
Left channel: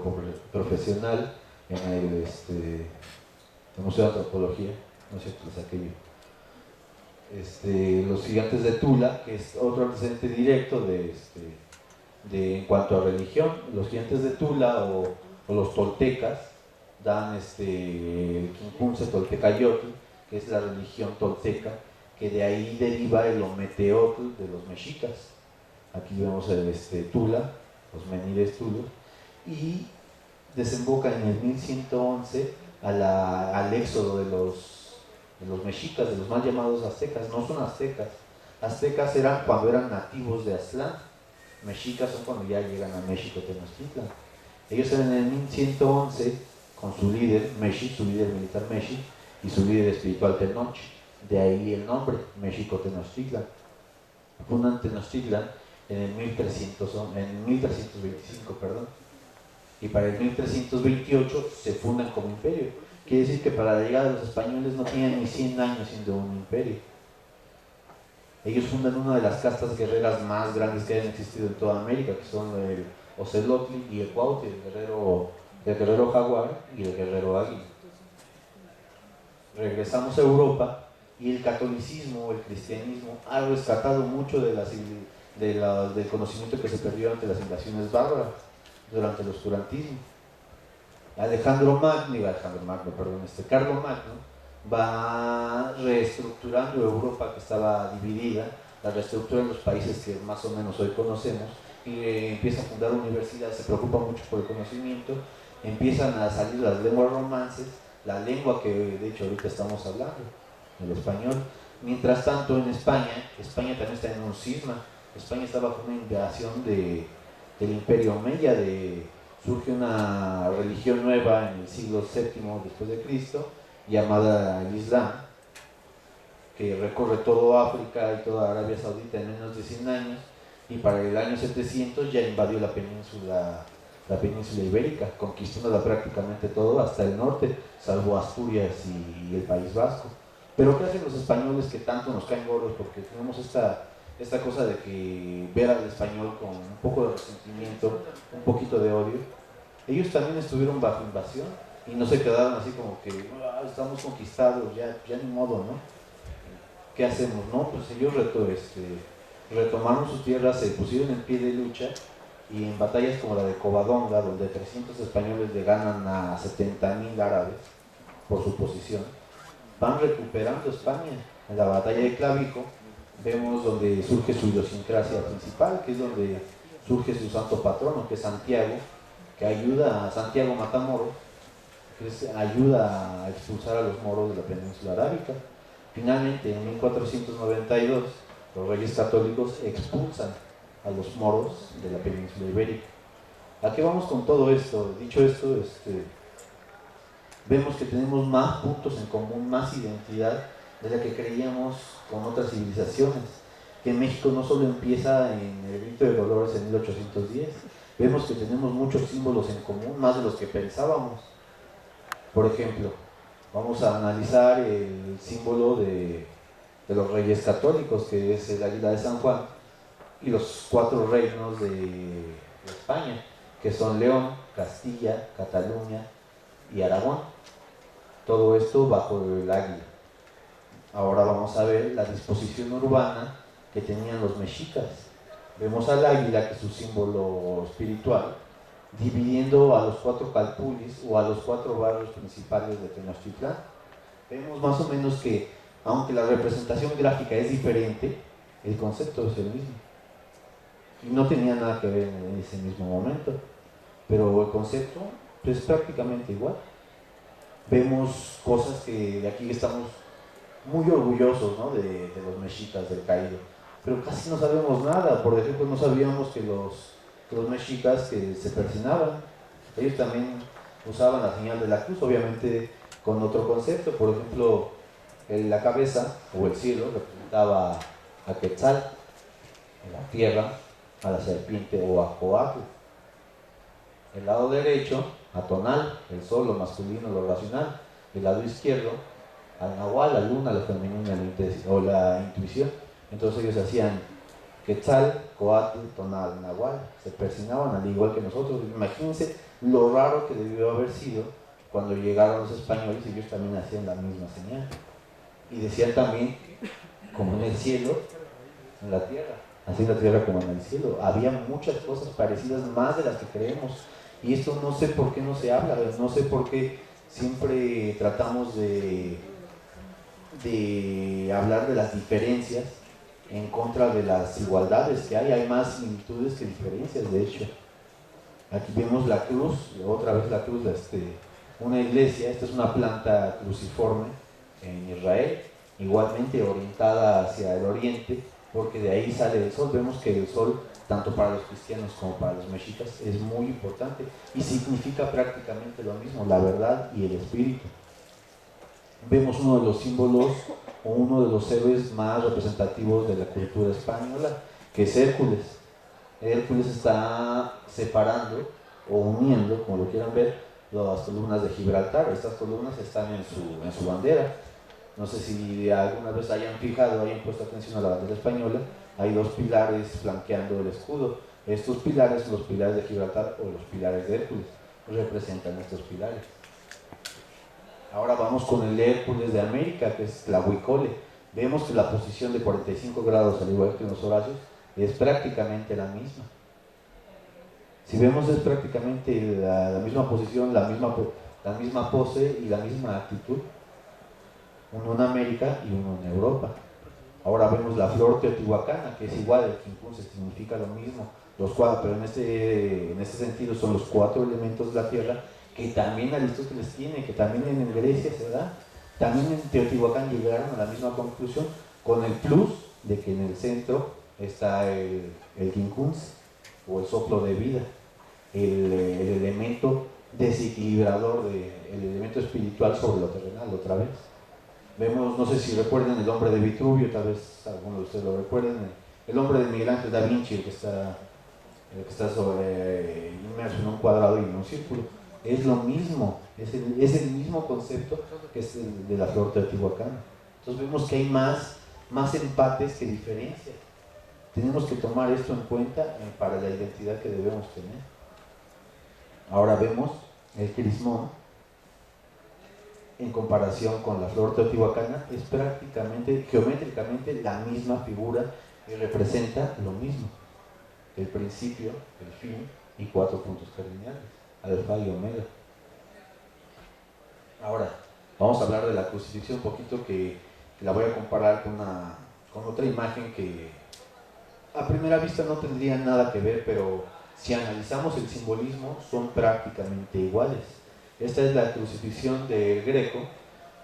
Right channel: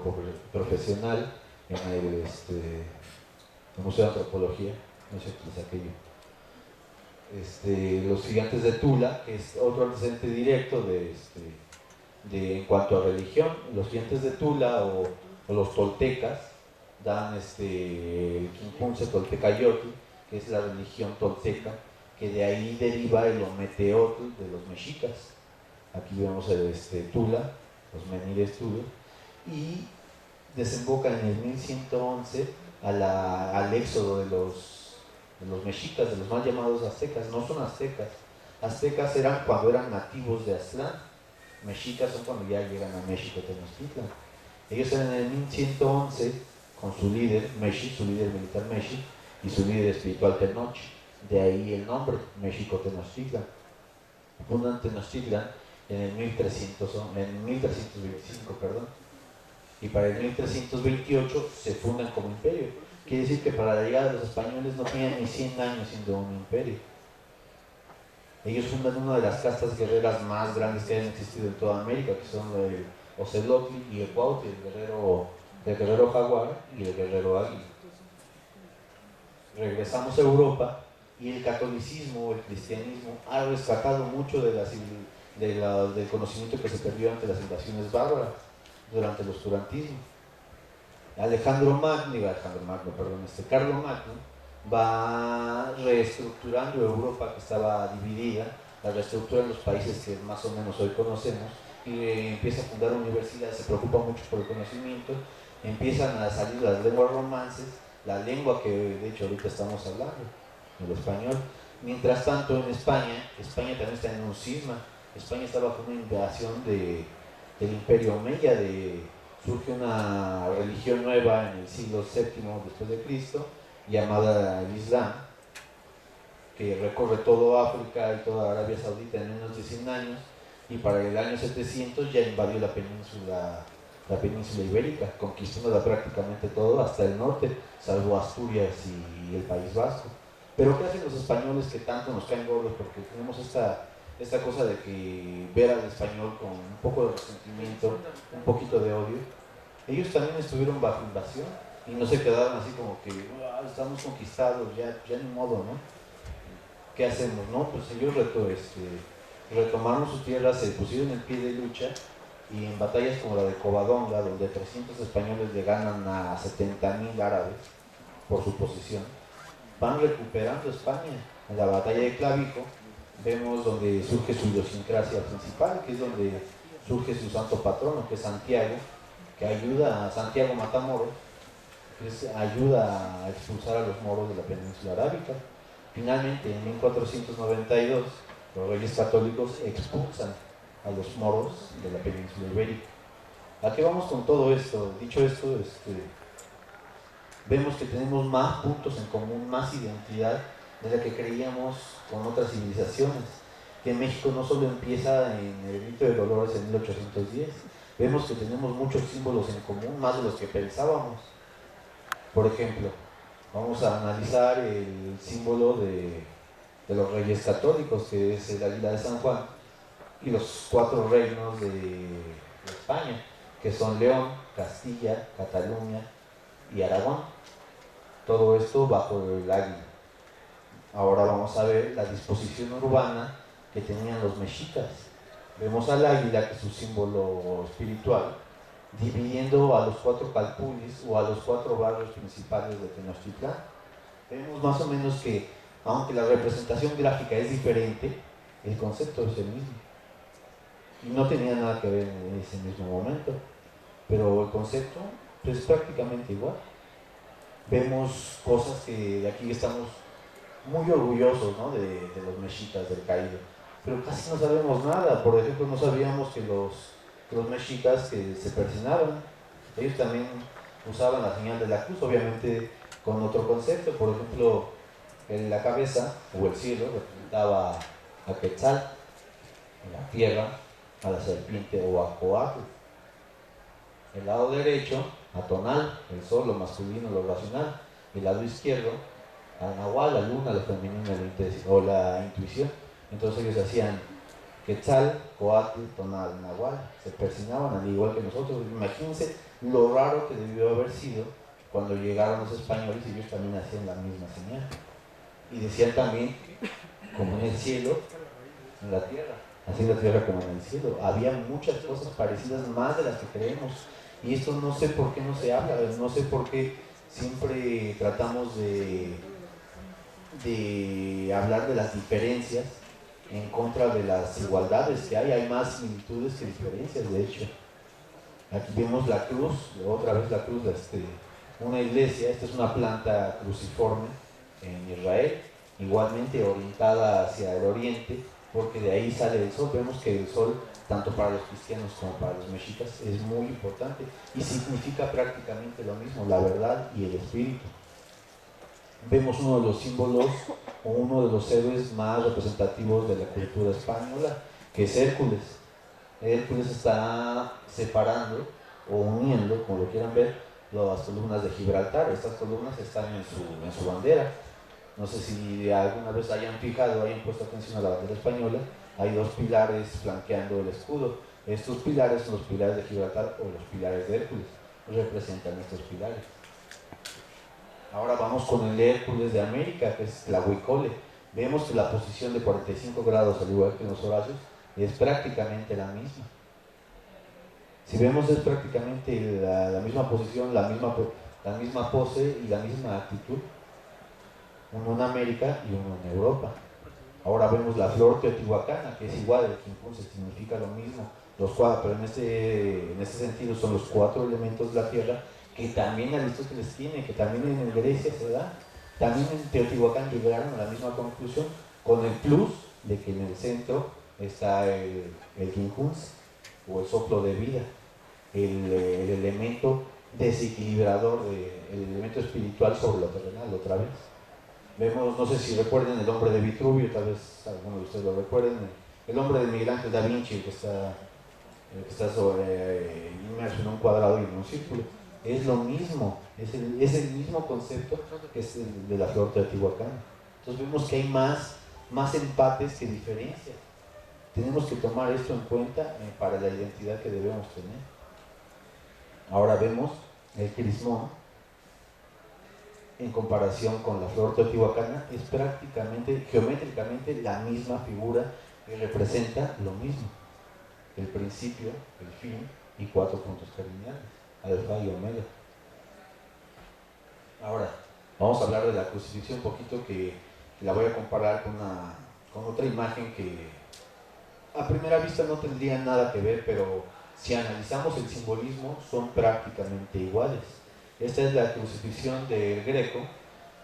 profesional en el Museo de Antropología, no sé qué es aquello. Los gigantes de Tula, que es otro antecedente directo de en cuanto a religión. Los gigantes de Tula o los toltecas dan el Quincunce Toltecayotl, que es la religión tolteca, que de ahí deriva el Ometeotl de los mexicas. Aquí vemos Tula, los menires Tula, y desemboca en el 1111 al éxodo de los mexicas, de los mal llamados aztecas. No son aztecas. Aztecas eran cuando eran nativos de Aztlán. Mexicas son cuando ya llegan a México, Tenochtitlan. Ellos eran en el 1111 con su líder, Mexic, su líder militar Mexic, y su líder espiritual Tenoch. De ahí el nombre, México-Tenochtitlan. Fundan Tenochtitlan en el 1325, perdón. Y para el 1328 se fundan como imperio. Quiere decir que para la llegada de los españoles no tenían ni 100 años siendo un imperio. Ellos fundan una de las castas guerreras más grandes que hayan existido en toda América, que son el Ocelotl y el Cuautli, el guerrero jaguar y el guerrero águila. Regresamos a Europa y el catolicismo o el cristianismo ha rescatado mucho del conocimiento que se perdió ante las invasiones bárbaras durante el oscurantismo. Carlo Magno va reestructurando Europa, que estaba dividida, la reestructura en los países que más o menos hoy conocemos, y empieza a fundar universidades, se preocupa mucho por el conocimiento, empiezan a salir las lenguas romances, la lengua que de hecho ahorita estamos hablando, el español. Mientras tanto en España también está en un cisma. España está bajo una invasión del Imperio Omeya, surge una religión nueva en el siglo VII después de Cristo, llamada el Islam, que recorre todo África y toda Arabia Saudita en menos de 100 años, y para el año 700 ya invadió la península ibérica, conquistándola prácticamente todo hasta el norte, salvo Asturias y el País Vasco. Pero ¿qué hacen los españoles que tanto nos caen gordos? Porque tenemos esta cosa de que ver al español con un poco de resentimiento, un poquito de odio. Ellos también estuvieron bajo invasión y no se quedaron así como que estamos conquistados, ya ni modo, ¿no? ¿Qué hacemos? No, pues ellos retomaron sus tierras, se pusieron en pie de lucha, y en batallas como la de Covadonga, donde 300 españoles le ganan a 70.000 árabes por su posición, van recuperando España. En la batalla de Clavijo vemos donde surge su idiosincrasia principal, que es donde surge su santo patrono, que es Santiago, que ayuda a Santiago Matamoros, que ayuda a expulsar a los moros de la península arábica. Finalmente, en 1492, los reyes católicos expulsan a los moros de la península ibérica. ¿A qué vamos con todo esto? Dicho esto, vemos que tenemos más puntos en común, más identidad de la que creíamos con otras civilizaciones. Que México no solo empieza en el Grito de Dolores en 1810, vemos que tenemos muchos símbolos en común, más de los que pensábamos. Por ejemplo, vamos a analizar el símbolo de los reyes católicos, que es el águila de San Juan, y los 4 reinos de España, que son León, Castilla, Cataluña y Aragón. Todo esto bajo el águila. Ahora vamos a ver la disposición urbana que tenían los mexicas. Vemos al águila, que es su símbolo espiritual, dividiendo a los 4 calpulis o a los 4 barrios principales de Tenochtitlán. Vemos más o menos que, aunque la representación gráfica es diferente, el concepto es el mismo. Y no tenía nada que ver en ese mismo momento, pero el concepto es prácticamente igual. Vemos cosas que de aquí estamos muy orgullosos, ¿no? de los mexicas del caído, pero casi no sabemos nada. Por ejemplo, no sabíamos que los mexicas que se persinaban, ellos también usaban la señal de la cruz, obviamente con otro concepto. Por ejemplo, la cabeza o el cielo representaba a Quetzal, la tierra a la serpiente o a Coatl. El lado derecho a Tonal, el sol, lo masculino, lo racional. El lado izquierdo a Nahual, la luna, la femenina o la intuición. Entonces ellos hacían Quetzal, Coatl, Tonal, Nahual, se persinaban al igual que nosotros. Imagínense lo raro que debió haber sido cuando llegaron los españoles y ellos también hacían la misma señal. Y decían también, como en el cielo, en la tierra, así en la tierra como en el cielo. Había muchas cosas parecidas, más de las que creemos. Y esto no sé por qué no se habla, no sé por qué siempre tratamos de hablar de las diferencias en contra de las igualdades que hay más similitudes que diferencias. De hecho, aquí vemos la cruz, otra vez la cruz de una iglesia. Esta es una planta cruciforme en Israel, igualmente orientada hacia el oriente, porque de ahí sale el sol. Vemos que el sol, tanto para los cristianos como para los mexicas, es muy importante y significa prácticamente lo mismo, la verdad y el espíritu. Vemos uno de los símbolos o uno de los héroes más representativos de la cultura española, que es Hércules. Hércules está separando o uniendo, como lo quieran ver, las columnas de Gibraltar. Estas columnas están en su bandera. No sé si alguna vez hayan fijado, hayan puesto atención a la bandera española. Hay dos pilares flanqueando el escudo. Estos pilares son los pilares de Gibraltar o los pilares de Hércules. Representan estos pilares. Ahora vamos con el Hércules de América, que es Tlahuicole. Vemos que la posición de 45 grados, al igual que en los Horacos, es prácticamente la misma. Si vemos, es prácticamente la misma posición, la misma pose y la misma actitud. Uno en América y uno en Europa. Ahora vemos la flor teotihuacana, que es igual, el quincunce significa lo mismo, los cuatro, pero en este sentido son los 4 elementos de la tierra, que también Aristóteles tiene, que también en Grecia se da. También en Teotihuacán llegaron a la misma conclusión, con el plus de que en el centro está el quincunce, o el soplo de vida, el elemento desequilibrador, el elemento espiritual sobre lo terrenal, otra vez. Vemos, no sé si recuerden el hombre de Vitruvio, tal vez algunos de ustedes lo recuerden, el hombre de Miguel Ángel da Vinci, el que está inmerso en un cuadrado y en un círculo. Es lo mismo, es el mismo concepto que es el de la flor teotihuacana. Entonces vemos que hay más empates que diferencias. Tenemos que tomar esto en cuenta para la identidad que debemos tener. Ahora vemos el crismón en comparación con la flor teotihuacana, es prácticamente, geométricamente, la misma figura que representa lo mismo: el principio, el fin y 4 puntos cardinales, alfa y omega. Ahora, vamos a hablar de la crucifixión un poquito, que la voy a comparar con otra imagen que a primera vista no tendría nada que ver, pero si analizamos el simbolismo, son prácticamente iguales. Esta es la crucifixión del Greco.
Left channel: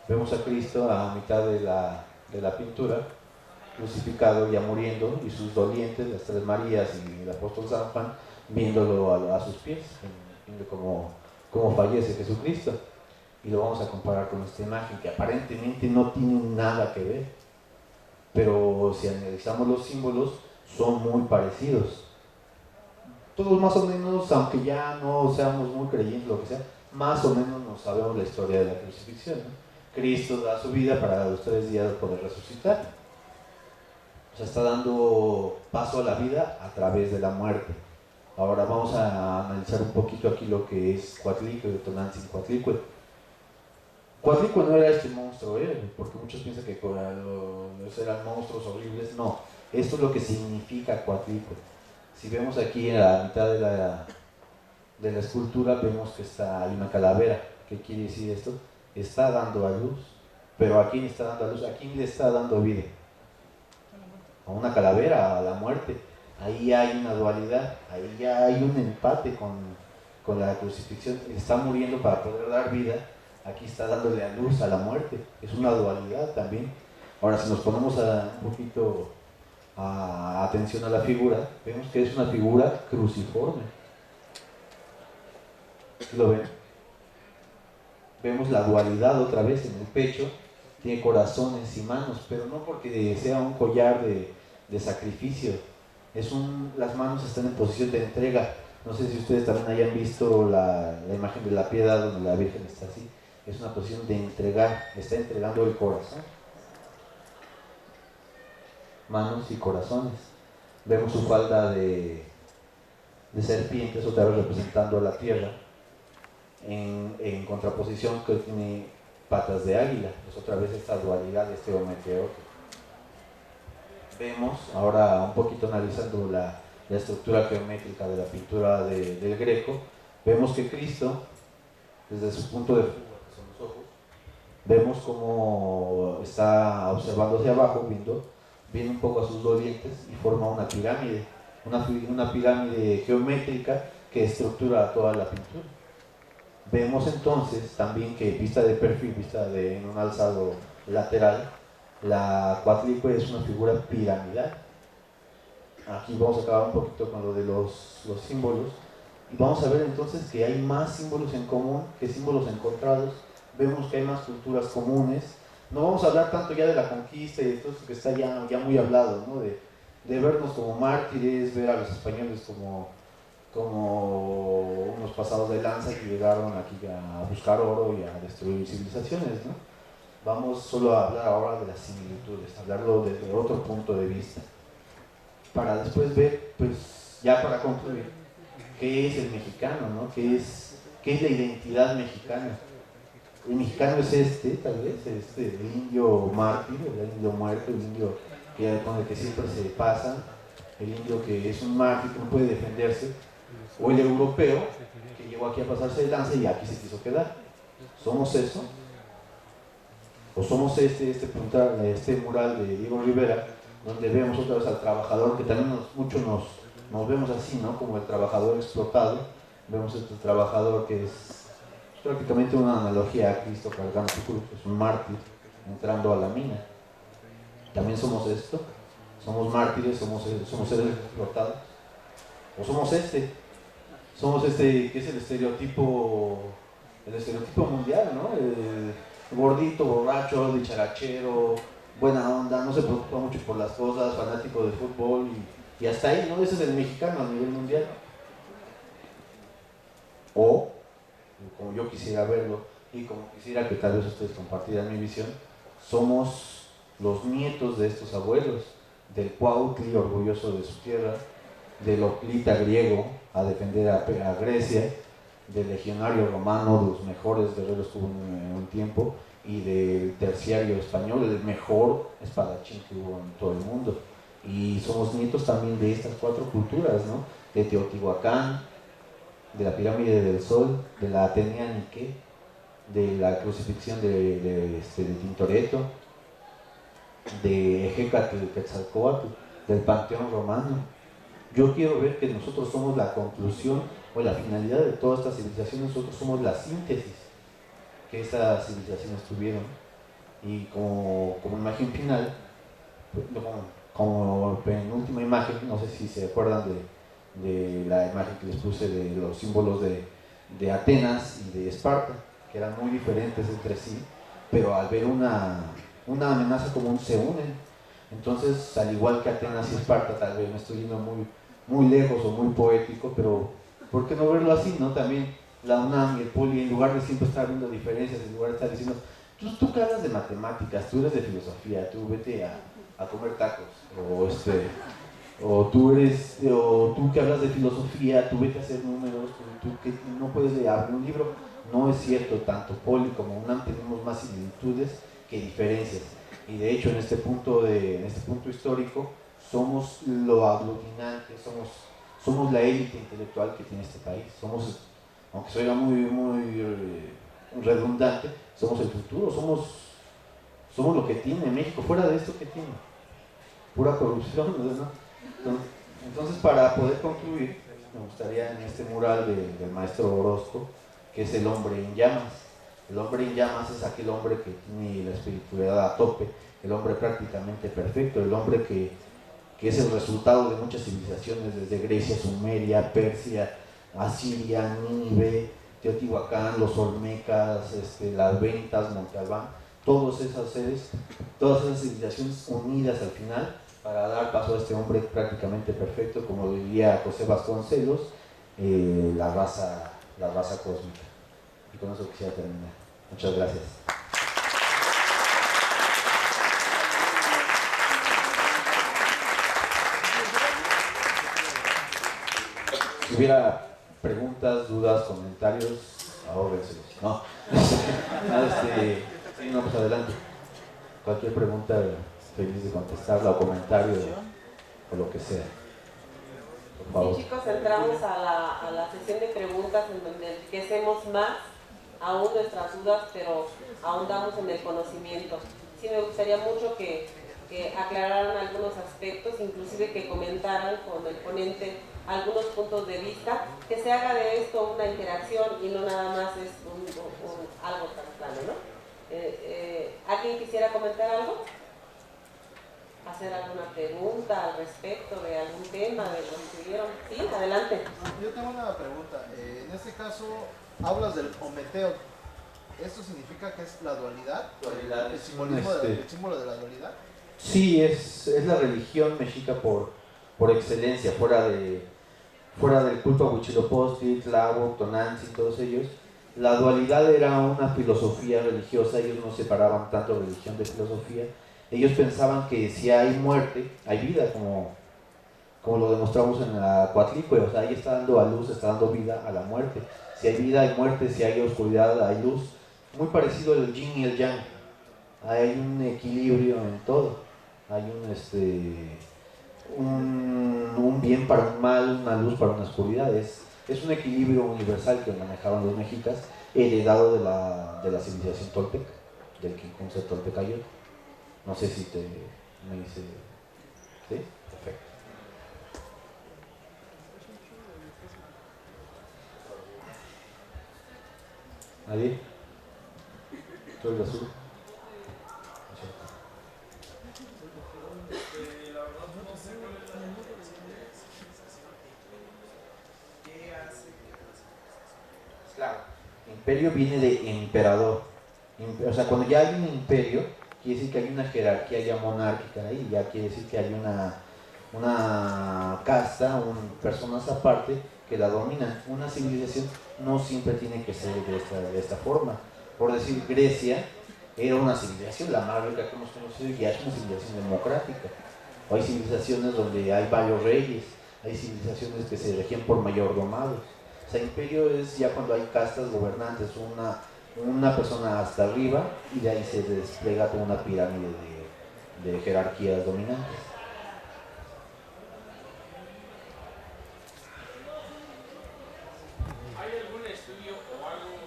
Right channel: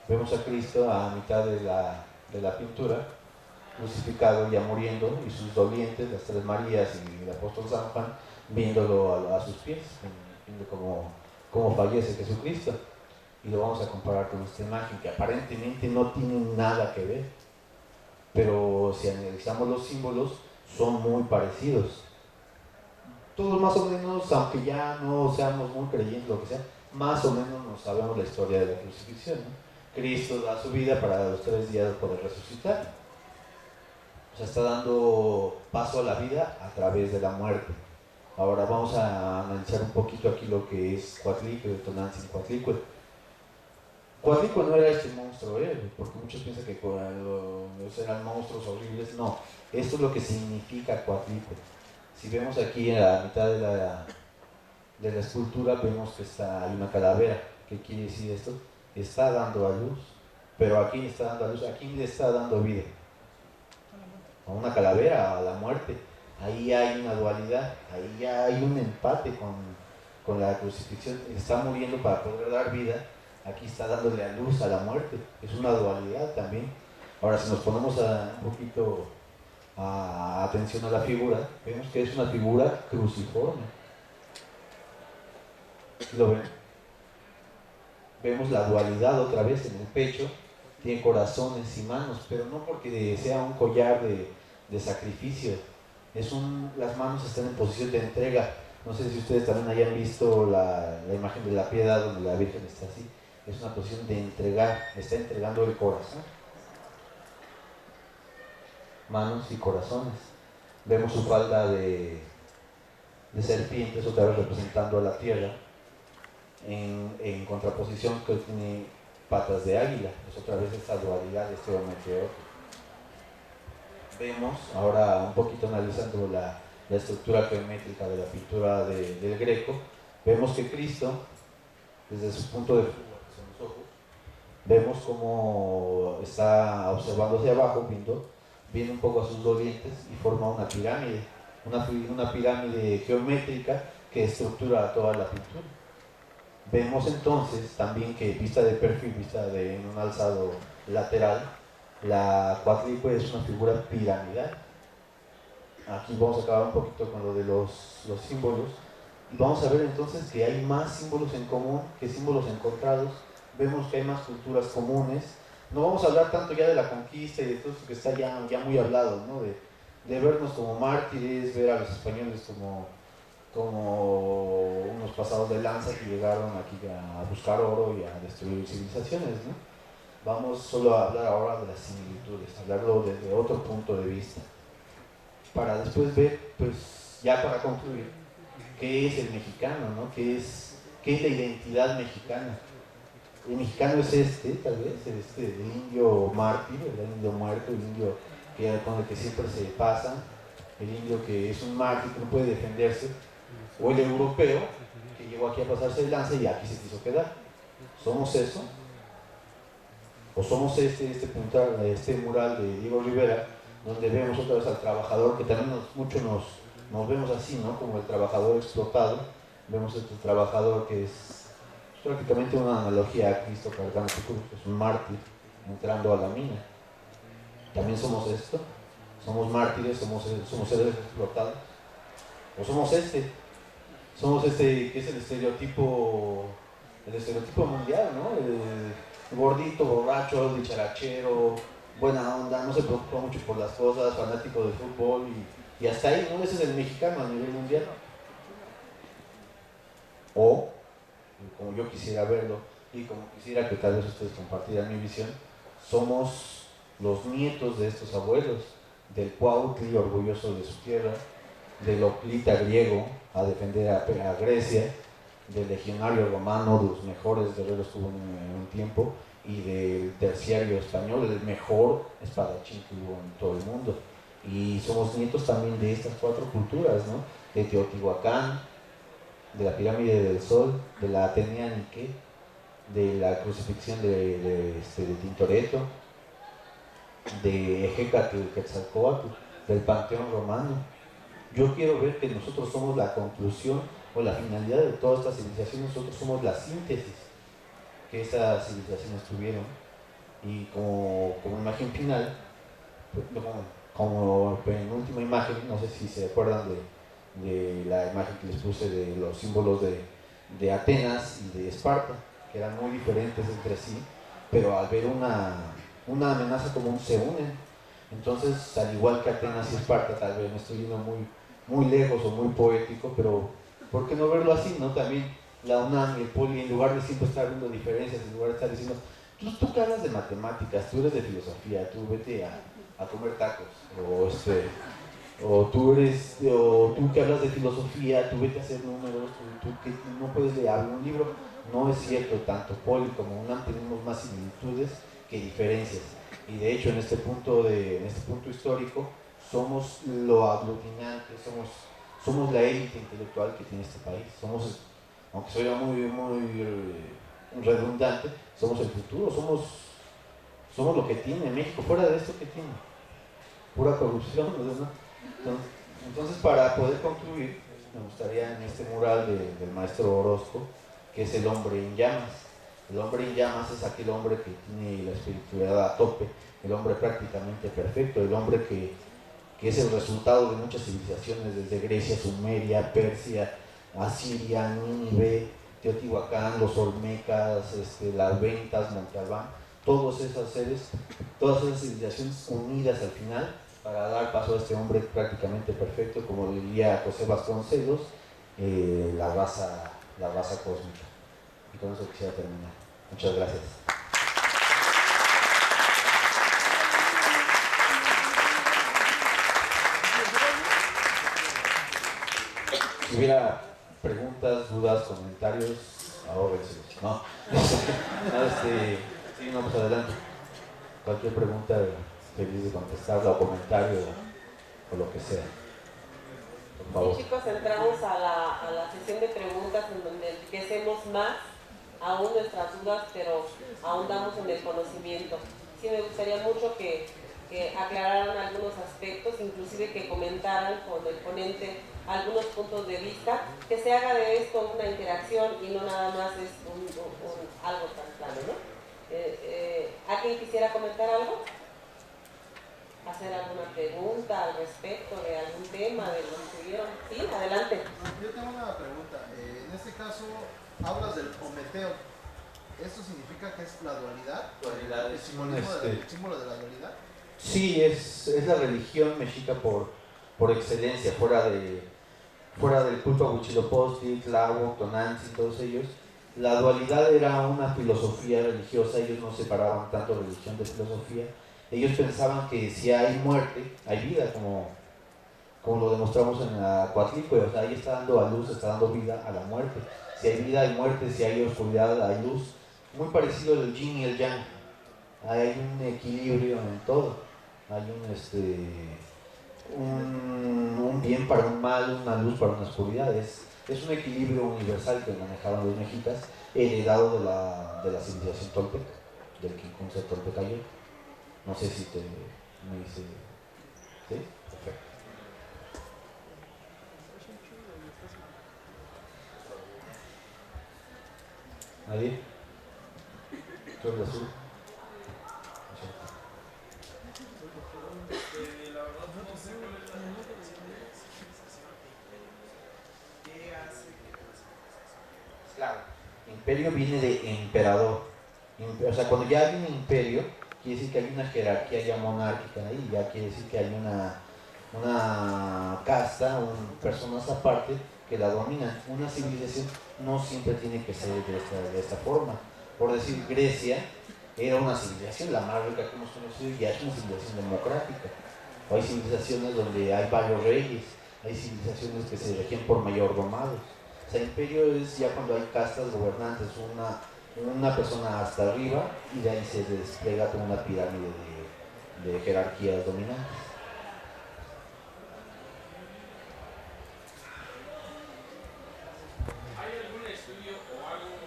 Vemos a Cristo a mitad de la pintura, crucificado, ya muriendo, y sus dolientes, las 3 Marías y el apóstol San Juan, viéndolo a sus pies, viendo cómo fallece Jesucristo. Y lo vamos a comparar con esta imagen, que aparentemente no tiene nada que ver, pero si analizamos los símbolos, son muy parecidos. Todos más o menos, aunque ya no seamos muy creyentes, lo que sea, más o menos nos sabemos la historia de la crucifixión, ¿no? Cristo da su vida para los 3 días poder resucitar. O sea, está dando paso a la vida a través de la muerte. Ahora vamos a analizar un poquito aquí lo que es Coatlicue, Tonantzin-Coatlicue. Coatlicue no era este monstruo, porque muchos piensan que eran monstruos horribles. No, esto es lo que significa Coatlicue. Si vemos aquí en la mitad de la escultura, vemos que hay una calavera. ¿Qué quiere decir esto? Está dando a luz. Pero ¿a quién está dando a luz? ¿A quién le está dando vida? A una calavera, a la muerte. Ahí hay una dualidad, ahí ya hay un empate con la crucifixión. Está muriendo para poder dar vida, aquí está dándole a luz a la muerte. Es una dualidad también. Ahora, si nos ponemos un poquito atención a la figura, vemos que es una figura cruciforme. ¿Lo ven? Vemos la dualidad otra vez en el pecho. Tiene corazones y manos, pero no porque sea un collar de sacrificio. Las manos están en posición de entrega. No sé si ustedes también hayan visto la imagen de la piedad donde la Virgen está así. Es una posición de entregar, está entregando el corazón. manos y corazones. Vemos su falda de serpientes, otra vez representando a la tierra, en contraposición que tiene patas de águila, pues otra vez esta dualidad de este meteoro. Vemos, ahora un poquito analizando la estructura geométrica de la pintura del Greco, vemos que Cristo, desde su punto de fuga, que son los ojos, vemos cómo está observando hacia abajo, viene un poco a sus dolientes y forma una pirámide, una pirámide geométrica que estructura toda la pintura. Vemos entonces también que vista de perfil, vista en un alzado lateral, la cuatlicue es una figura piramidal. Aquí vamos a acabar un poquito con lo de los símbolos y vamos a ver entonces que hay más símbolos en común que símbolos encontrados. Vemos que hay más culturas comunes. No vamos a hablar tanto ya de la conquista y de todo esto que está ya muy hablado, ¿no? de vernos como mártires, ver a los españoles como unos pasados de lanza que llegaron aquí a buscar oro y a destruir civilizaciones, ¿no? Vamos solo a hablar ahora de las similitudes, hablarlo desde otro punto de vista, para después ver, pues ya para concluir, qué es el mexicano, ¿no? ¿Qué es la identidad mexicana? El mexicano es tal vez, el indio mártir, el indio muerto, el indio con el que siempre se pasan, el indio que es un mártir que no puede defenderse, o el europeo que llegó aquí a pasarse de lanza y aquí se quiso quedar. ¿Somos eso? ¿O somos este mural de Diego Rivera, donde vemos otra vez al trabajador, que también muchos nos vemos así, ¿no? Como el trabajador explotado? Vemos este trabajador que es prácticamente una analogía a Cristo cargando su cruz, es un mártir entrando a la mina. ¿También somos esto? ¿Somos mártires? ¿Somos seres explotados? ¿O somos somos que es el estereotipo mundial, ¿no? El gordito, borracho, dicharachero, buena onda, no se preocupa mucho por las cosas, fanático del fútbol y hasta ahí, ¿no? Ese es el mexicano a nivel mundial. O, como yo quisiera verlo y como quisiera que tal vez ustedes compartieran mi visión, somos los nietos de estos abuelos, del Cuautli orgulloso de su tierra, del Oclita griego a defender a Grecia, del legionario romano, de los mejores guerreros que hubo en un tiempo, y del terciario español, el mejor espadachín que hubo en todo el mundo. Y somos nietos también de estas cuatro culturas, ¿no? De Teotihuacán, de la pirámide del Sol, de la Atenea Nike, de la crucifixión de Tintoretto, de Ejecatl Quetzalcóatl, del Panteón Romano. Yo quiero ver que nosotros somos la conclusión o la finalidad de todas estas civilizaciones, nosotros somos la síntesis que estas civilizaciones tuvieron. Y como imagen final, como penúltima imagen, no sé si se acuerdan de la imagen que les puse de los símbolos de Atenas y de Esparta, que eran muy diferentes entre sí, pero al ver una amenaza común se unen. Entonces, al igual que Atenas y Esparta, tal vez me estoy yendo muy lejos o muy poético, pero ¿por qué no verlo así, no? También la UNAM y el POLI, en lugar de siempre estar viendo diferencias, en lugar de estar diciendo, tú que hablas de matemáticas, tú eres de filosofía, tú vete a comer tacos, o tú que hablas de filosofía, tú vete a hacer números, tú que no puedes leer un libro. No es cierto, tanto POLI como UNAM tenemos más similitudes que diferencias, y de hecho en este punto histórico somos lo aglutinante, somos la élite intelectual que tiene este país, aunque suena muy redundante, somos el futuro, somos lo que tiene México. Fuera de esto, ¿qué tiene? Pura corrupción, ¿no? Entonces, para poder concluir, me gustaría en este mural del maestro Orozco, que es el hombre en llamas. El hombre en llamas es aquel hombre que tiene la espiritualidad a tope, el hombre prácticamente perfecto, el hombre que es el resultado de muchas civilizaciones, desde Grecia, Sumeria, Persia, Asiria, Nínive, Teotihuacán, los Olmecas, las Ventas, Monte Albán, todos esos seres, todas esas civilizaciones unidas al final para dar paso a este hombre prácticamente perfecto, como diría José Vasconcelos, la raza cósmica. Y con eso quisiera terminar. Muchas gracias. Si hubiera preguntas, dudas, comentarios, ahórrenselos. No, sí, no, pues adelante. Cualquier pregunta, feliz de contestarla, o comentario, o lo que sea. Por favor. Sí, chicos, entramos a la sesión de preguntas en donde enriquecemos más aún nuestras dudas, pero ahondamos en el conocimiento. Sí, me gustaría mucho que aclararan algunos aspectos, inclusive que comentaran con el ponente algunos puntos de vista, que se haga de esto una interacción y no nada más es algo tan plano, ¿no? ¿Alguien quisiera comentar algo? ¿Hacer alguna pregunta al respecto de algún tema de lo que vieron? Sí, adelante. Yo tengo una pregunta. En este caso, hablas del Ometeo. ¿Esto significa que es la dualidad? Dualidad ¿El simbolismo el símbolo de la dualidad? Sí, es la religión mexica por excelencia, fuera del culto a Huitzilopochtli, Tláhuac, Tonantzin, todos ellos. La dualidad era una filosofía religiosa, ellos no separaban tanto religión de filosofía. Ellos pensaban que si hay muerte, hay vida, como lo demostramos en la Coatlicue, o sea, ahí está dando a luz, está dando vida a la muerte. Si hay vida, hay muerte, si hay oscuridad, hay luz. Muy parecido al yin y el yang. Hay un equilibrio en todo. Hay un bien para un mal, una luz para una oscuridad. Es un equilibrio universal que manejaban los mexicas, heredado de la civilización tolteca, del Quincunce Toltecayo. No sé si me dice. ¿Sí? Perfecto. ¿Nadie? ¿Tú eres azul? La verdad no sé cuál es la definición de civilización e imperio. ¿Qué hace que una civilización? Claro. Imperio viene de emperador. O sea, cuando ya hay un imperio, quiere decir que hay una jerarquía ya monárquica ahí, ya quiere decir que hay una casta, personas aparte que la dominan. Una civilización no siempre tiene que ser de esta forma. Por decir, Grecia era una civilización, la más rica que hemos conocido, y ya es una civilización democrática. O hay civilizaciones donde hay varios reyes, hay civilizaciones que se regían por mayordomados. O sea, imperio es ya cuando hay castas gobernantes, una persona hasta arriba, y de ahí se despliega como una pirámide de jerarquías dominantes. ¿Hay algún estudio o alguna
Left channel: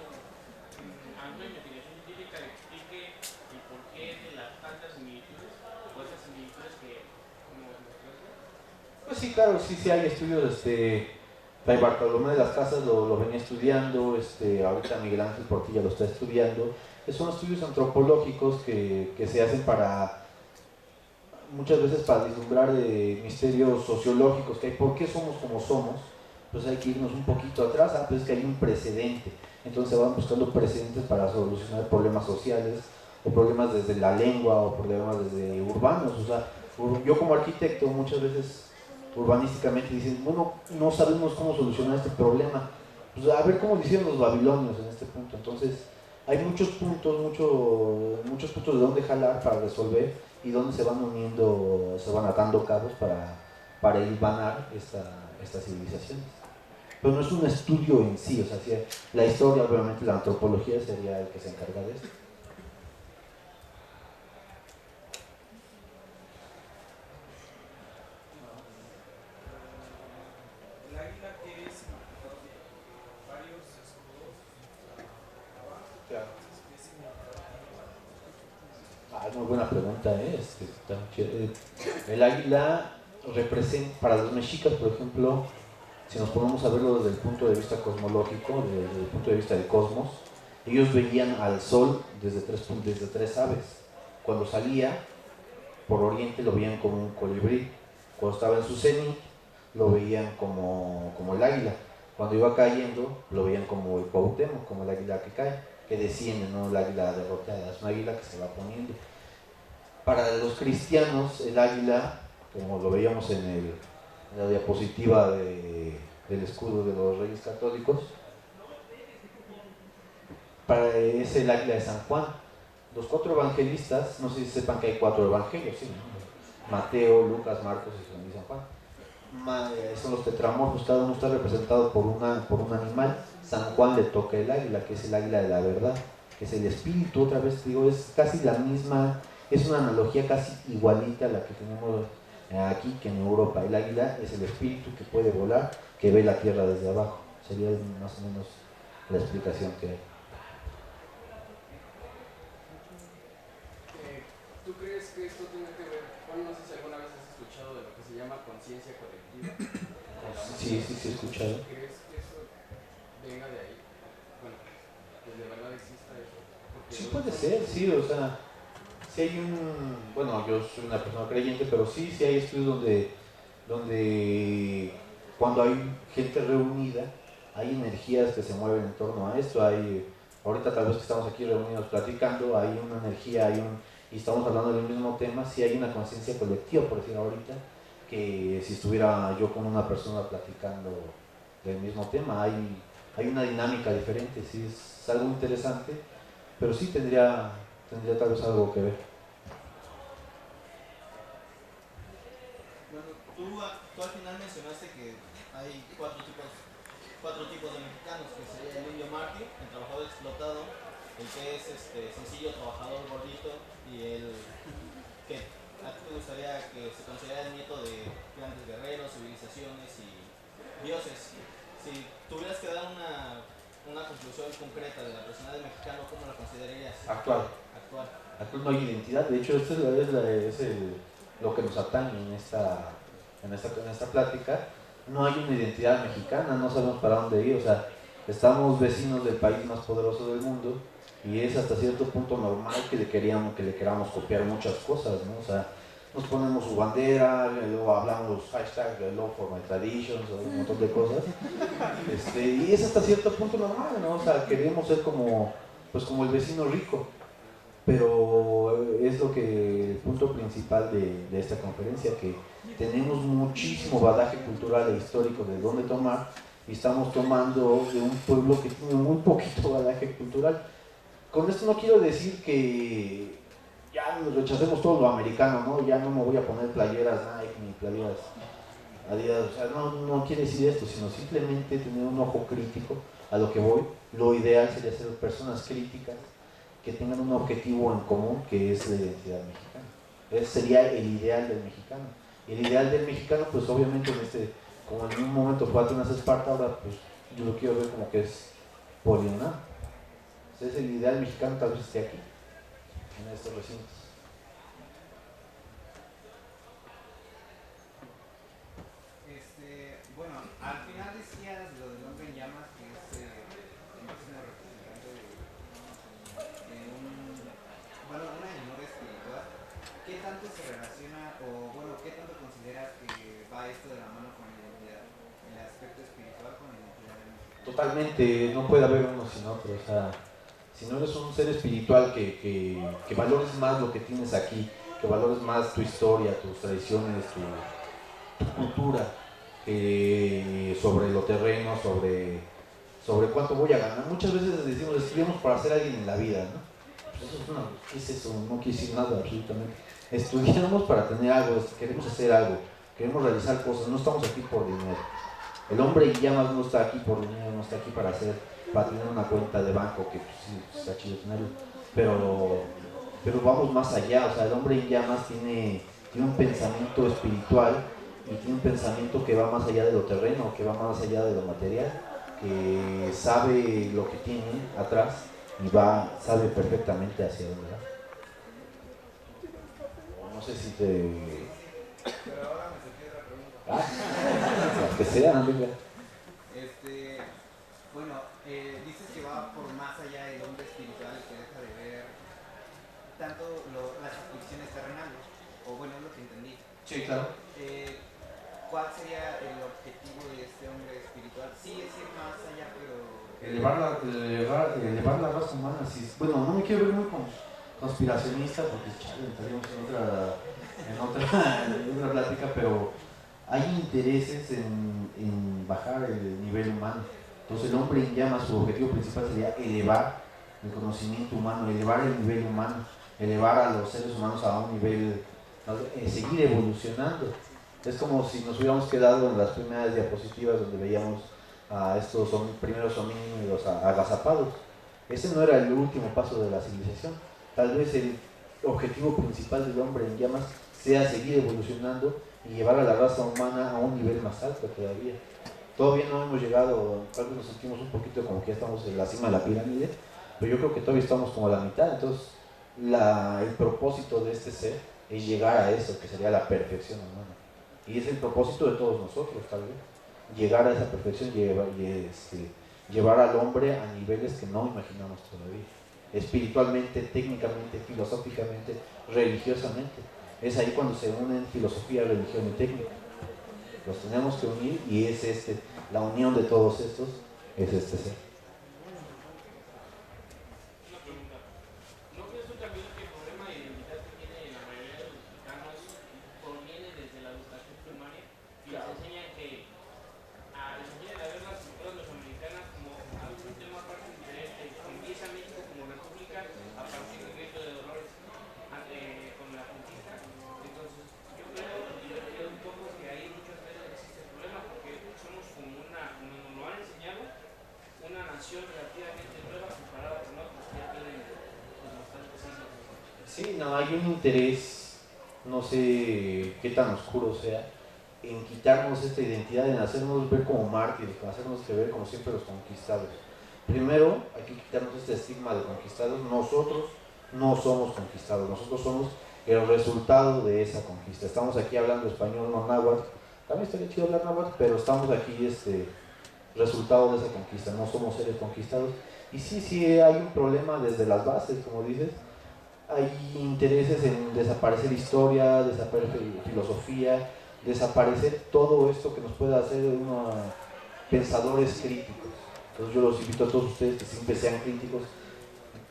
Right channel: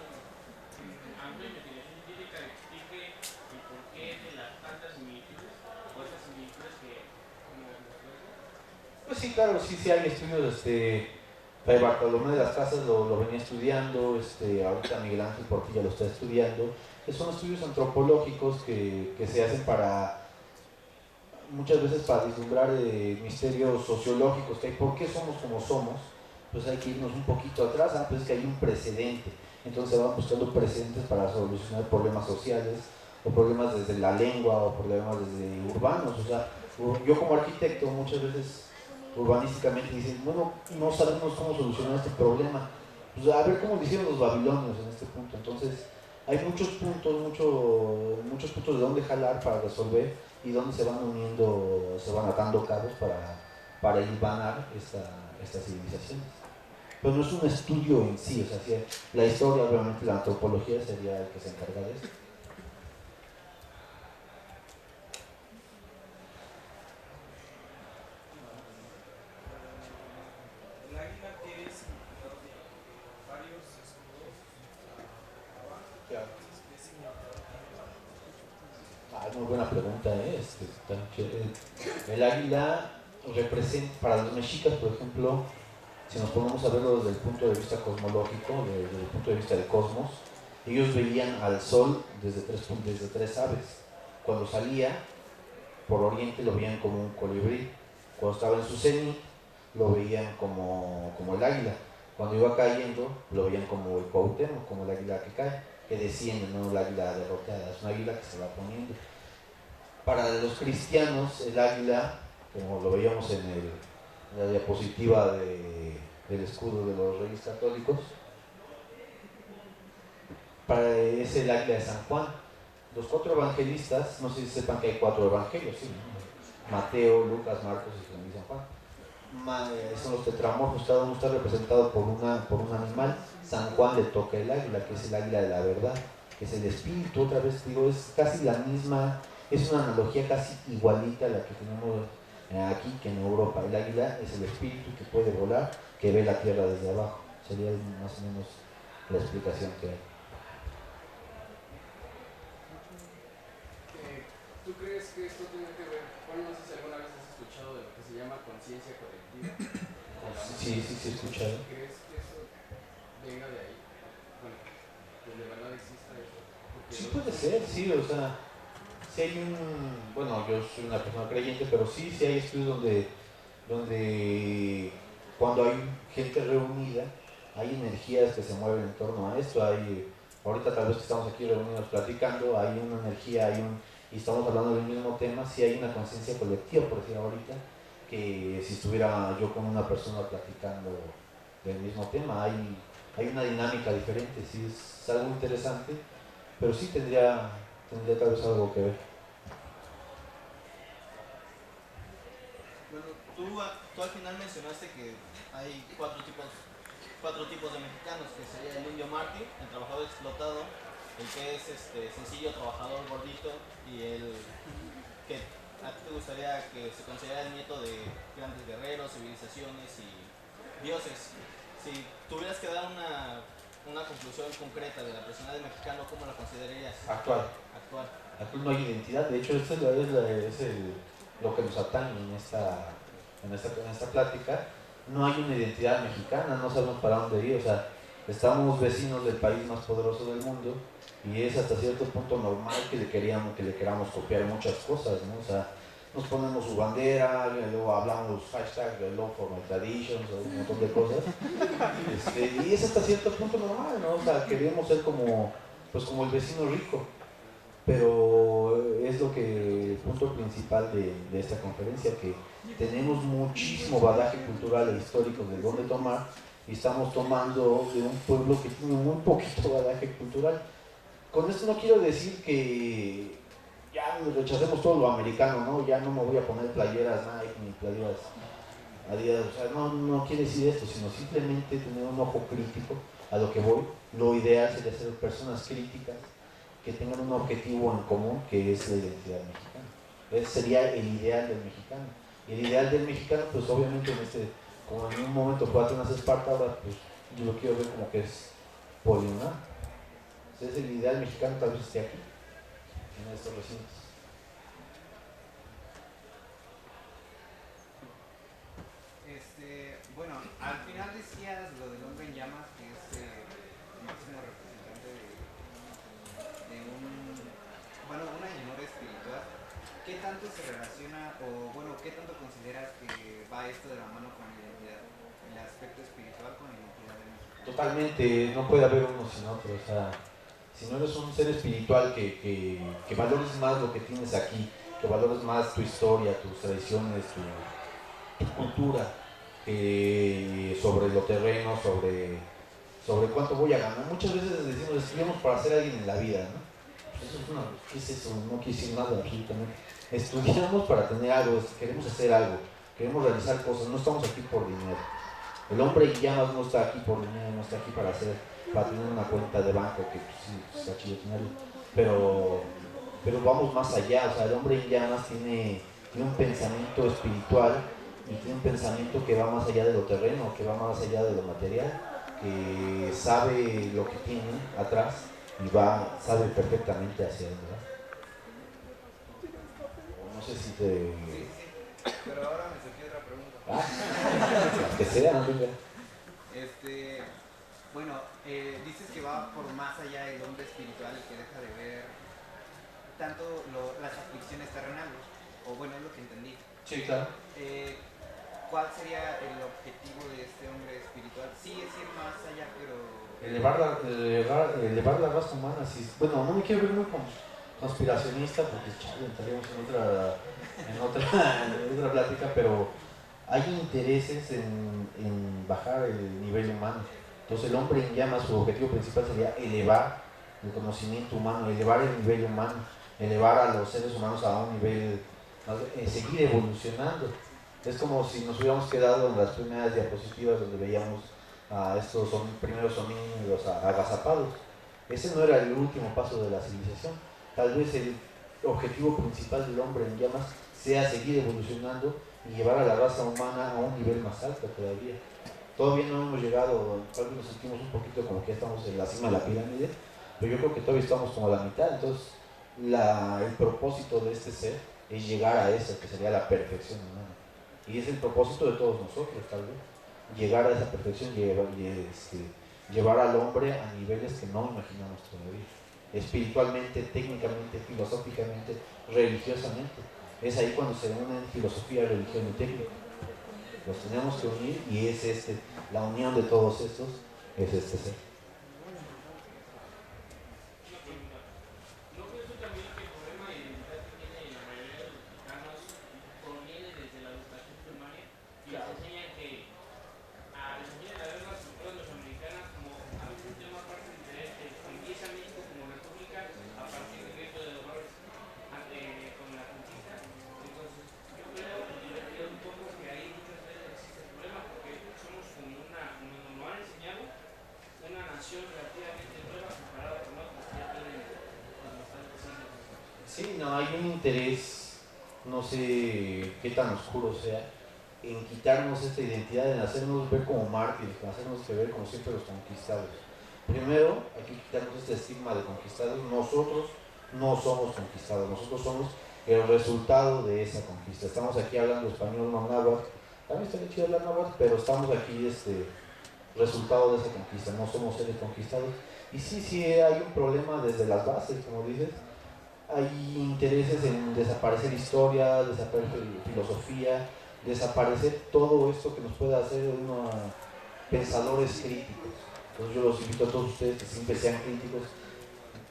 investigación científica que explique el porqué de las tantas similitudes o esas similitudes que como Pues sí, claro, sí hay estudios. Fray Bartolomé de las Casas lo venía estudiando, ahorita Miguel Ángel Portilla lo está estudiando. Son estudios antropológicos que se hacen muchas veces para vislumbrar misterios sociológicos que hay. ¿Por qué somos como somos? Pues hay que irnos un poquito atrás, pues es que hay un precedente. Entonces se van buscando precedentes para solucionar problemas sociales, o problemas desde la lengua, o problemas desde urbanos. O sea, yo como arquitecto muchas veces urbanísticamente dicen, bueno, no sabemos cómo solucionar este problema. Pues a ver cómo lo hicieron los babilonios en este punto. Entonces hay muchos puntos de dónde jalar para resolver, y dónde se van uniendo, se van atando cabos para hilvanar estas civilizaciones. Pero no es un estudio en sí, o sea, la historia, obviamente la antropología sería el que se encarga de esto. el águila tiene significado de varios escudos abajo. Claro. ¿Qué significado tiene? Muy buena pregunta, el águila representa, para los mexicas, por ejemplo, si nos ponemos a verlo desde el punto de vista cosmológico, desde el punto de vista del cosmos, ellos veían al sol desde tres aves. Cuando salía por oriente lo veían como un colibrí, cuando estaba en su cenit lo veían como el águila, cuando iba cayendo lo veían como el Cuauhtémoc, como el águila que cae, que desciende, no el águila derrotada, es una águila que se va poniendo. Para los cristianos el águila, como lo veíamos en la diapositiva del escudo de los Reyes Católicos, es el águila de San Juan. Los 4 evangelistas, no sé si sepan que hay 4 evangelios, ¿sí? Mateo, Lucas, Marcos y San Juan. son los tetramorfos, cada uno está representado por un animal. San Juan le toca el águila, que es el águila de la verdad, que es el espíritu. Otra vez digo, es casi la misma, es una analogía casi igualita a la que tenemos aquí, que en Europa. El águila es el espíritu que puede volar, que ve la tierra desde abajo. Sería más o menos la explicación que hay. ¿Tú crees que esto tiene que ver, bueno, no sé si alguna vez has escuchado de lo que se llama conciencia colectiva? Sí, he escuchado. ¿Crees que eso venga de ahí? Bueno, que de verdad exista eso. Porque Sí puede ser, sí, o sea, sí hay bueno, yo soy una persona creyente, pero sí hay estudios donde cuando hay gente reunida, hay energías que se mueven en torno a esto. Ahorita tal vez que estamos aquí reunidos platicando, hay una energía, y estamos hablando del mismo tema, sí hay una conciencia colectiva, por decir ahorita, que si estuviera yo con una persona platicando del mismo tema, hay una dinámica diferente, sí es algo interesante, pero sí tendría tal vez algo que ver. Bueno, tú al final mencionaste que hay cuatro tipos de mexicanos, que sería el indio mártir, el trabajador explotado, el que es sencillo trabajador gordito, y el que a ti te gustaría que se considera el nieto de grandes guerreros, civilizaciones y dioses. Si tuvieras que dar una conclusión concreta de la personalidad del mexicano, ¿cómo la considerarías? Actual no hay identidad. De hecho, esto es lo que nos atañe en esta plática. No hay una identidad mexicana, no sabemos para dónde ir. O sea, estamos vecinos del país más poderoso del mundo, y es hasta cierto punto normal que le queramos copiar muchas cosas, ¿no? O sea, nos ponemos su bandera, luego hablamos hashtag Love for my traditions, o un montón de cosas, y es hasta cierto punto normal, ¿no? O sea, queremos ser como el vecino rico, pero es el punto principal de esta conferencia, que tenemos muchísimo bagaje cultural e histórico de dónde tomar, y estamos tomando de un pueblo que tiene muy poquito bagaje cultural. Con esto no quiero decir que ya rechacemos todo lo americano, ¿no? Ya no me voy a poner playeras Nike ni playeras Adidas, o sea, no quiere decir esto, sino simplemente tener un ojo crítico a lo que voy. Lo ideal sería ser personas críticas que tengan un objetivo en común, que es la identidad mexicana. Ese sería el ideal del mexicano. Y el ideal del mexicano, pues obviamente como en un momento fue Atenas Esparta, ahora pues yo lo quiero ver como que es poliunal. Entonces el ideal mexicano tal vez esté aquí, en estos recintos. Bueno, al final decías lo del hombre en llamas, que es el máximo representante de una llanura espiritual. ¿Qué tanto se relaciona, o bueno, qué tanto consideras que va esto de la mano con la identidad, el aspecto espiritual con la identidad del mexicano? Totalmente, no puede haber uno sin otro. O sea, si no eres un ser espiritual que valores más lo que tienes aquí, que valores más tu historia, tus tradiciones, tu cultura, sobre lo terreno, sobre cuánto voy a ganar. Muchas veces decimos, estudiamos para ser alguien en la vida, ¿no? Pues ¿qué es eso? No quiere decir nada absolutamente. Estudiamos para tener algo, queremos hacer algo, queremos realizar cosas, no estamos aquí por dinero. El hombre en llamas no está aquí por dinero, no está aquí para tener una cuenta de banco, que pues, sí, está chido tenerlo, pero vamos más allá. O sea, el hombre en llamas tiene un pensamiento espiritual, y tiene un pensamiento que va más allá de lo terreno, que va más allá de lo material, que sabe lo que tiene atrás y sabe perfectamente hacia dónde va. No sé si te... Pero ahora me surgió otra pregunta. Que sea, amiga. Bueno, dices que va por más allá del hombre espiritual, que deja de ver tanto las aflicciones terrenales, o bueno, es lo que entendí. Sí, claro. ¿Cuál sería el objetivo de este hombre espiritual? Sí, es ir más allá, pero... Elevar la raza humana. Sí. Bueno, no me quiero ver muy conspiracionista, porque estaríamos en otra plática, pero hay intereses en bajar el nivel humano. Entonces el hombre en llamas, su objetivo principal sería elevar el conocimiento humano, elevar el nivel humano, elevar a los seres humanos a un nivel, seguir evolucionando. Es como si nos hubiéramos quedado en las primeras diapositivas donde veíamos a estos primeros homínidos agazapados. Ese no era el último paso de la civilización. Tal vez el objetivo principal del hombre en llamas sea seguir evolucionando y llevar a la raza humana a un nivel más alto todavía. Todavía no hemos llegado, tal vez nos sentimos un poquito como que ya estamos en la cima de la pirámide, pero yo creo que todavía estamos como a la mitad. Entonces el propósito de este ser es llegar a eso, que sería la perfección humana. Y es el propósito de todos nosotros, tal vez, llegar a esa perfección, llevar al hombre a niveles que no imaginamos todavía, espiritualmente, técnicamente, filosóficamente, religiosamente. Es ahí cuando se unen filosofía, religión y técnica. Los tenemos que unir y es la unión de todos estos es este ser. Una pregunta. ¿No crees tú también que el problema de identidad que tiene la mayoría de los mexicanos proviene desde la educación primaria? Y les enseñan a ver las culturas mesoamericanas como algún tema aparte diferente. Empieza México como república a partir del grito de Dolores con la conquista. Entonces, yo creo un poco que ahí muchas veces existe el problema porque somos como como nos lo han enseñado, una nación relativamente nueva comparada con otros que ya tienen pues, bastantes siglos. Sí, no, hay un interés, no sé qué tan oscuro sea, en quitarnos esta identidad, en hacernos ver como mártires, en hacernos ver como siempre los conquistados. Primero, hay que quitarnos este estigma de conquistados. Nosotros no somos conquistados, nosotros somos el resultado de esa conquista. Estamos aquí hablando español, no náhuatl. También estaría chido hablar náhuatl, pero estamos aquí resultado de esa conquista, no somos seres conquistados. Y sí, hay un problema desde las bases, como dices. Hay intereses en desaparecer historia, desaparecer filosofía, desaparecer todo esto que nos pueda hacer unos pensadores críticos. Entonces yo los invito a todos ustedes que siempre sean críticos,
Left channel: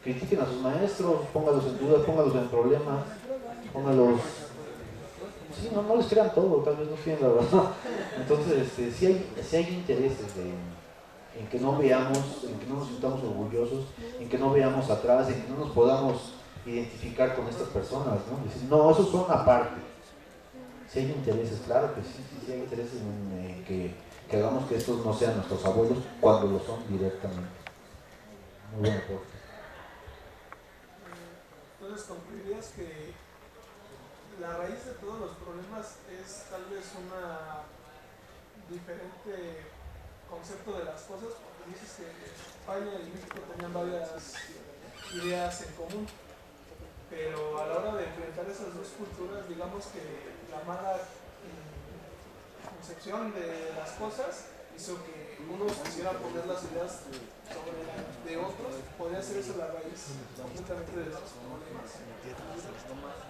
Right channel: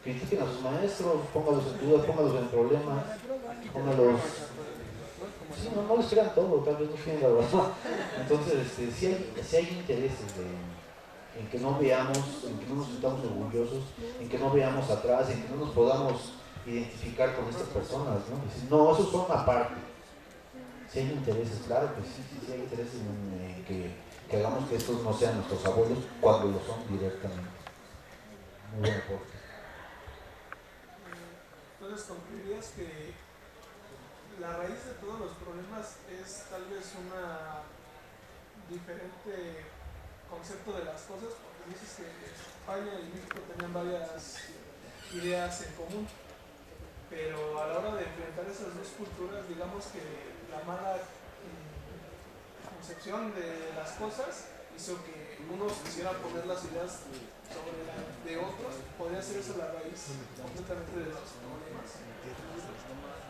critiquen a sus maestros, pónganlos en dudas, pónganlos en problemas, pónganlos... Sí, no les crean todo, tal vez no tienen la verdad. Entonces, sí hay intereses en que no veamos, en que no nos sintamos orgullosos, en que no veamos atrás, en que no nos podamos identificar con estas personas, ¿no? Decir, no, esos son aparte. Si hay intereses, claro que sí hay intereses en que hagamos que estos no sean nuestros abuelos cuando lo son directamente. Muy buen aporte. Entonces, concluirías que la raíz de todos los problemas es tal vez una diferente concepto de las cosas, porque dices que España y México tenían varias ideas en común, pero a la hora de enfrentar esas dos culturas, digamos que la mala concepción de las cosas hizo que unos quisieran poner las ideas sobre la de otros. ¿Podría ser esa la raíz completamente de los problemas?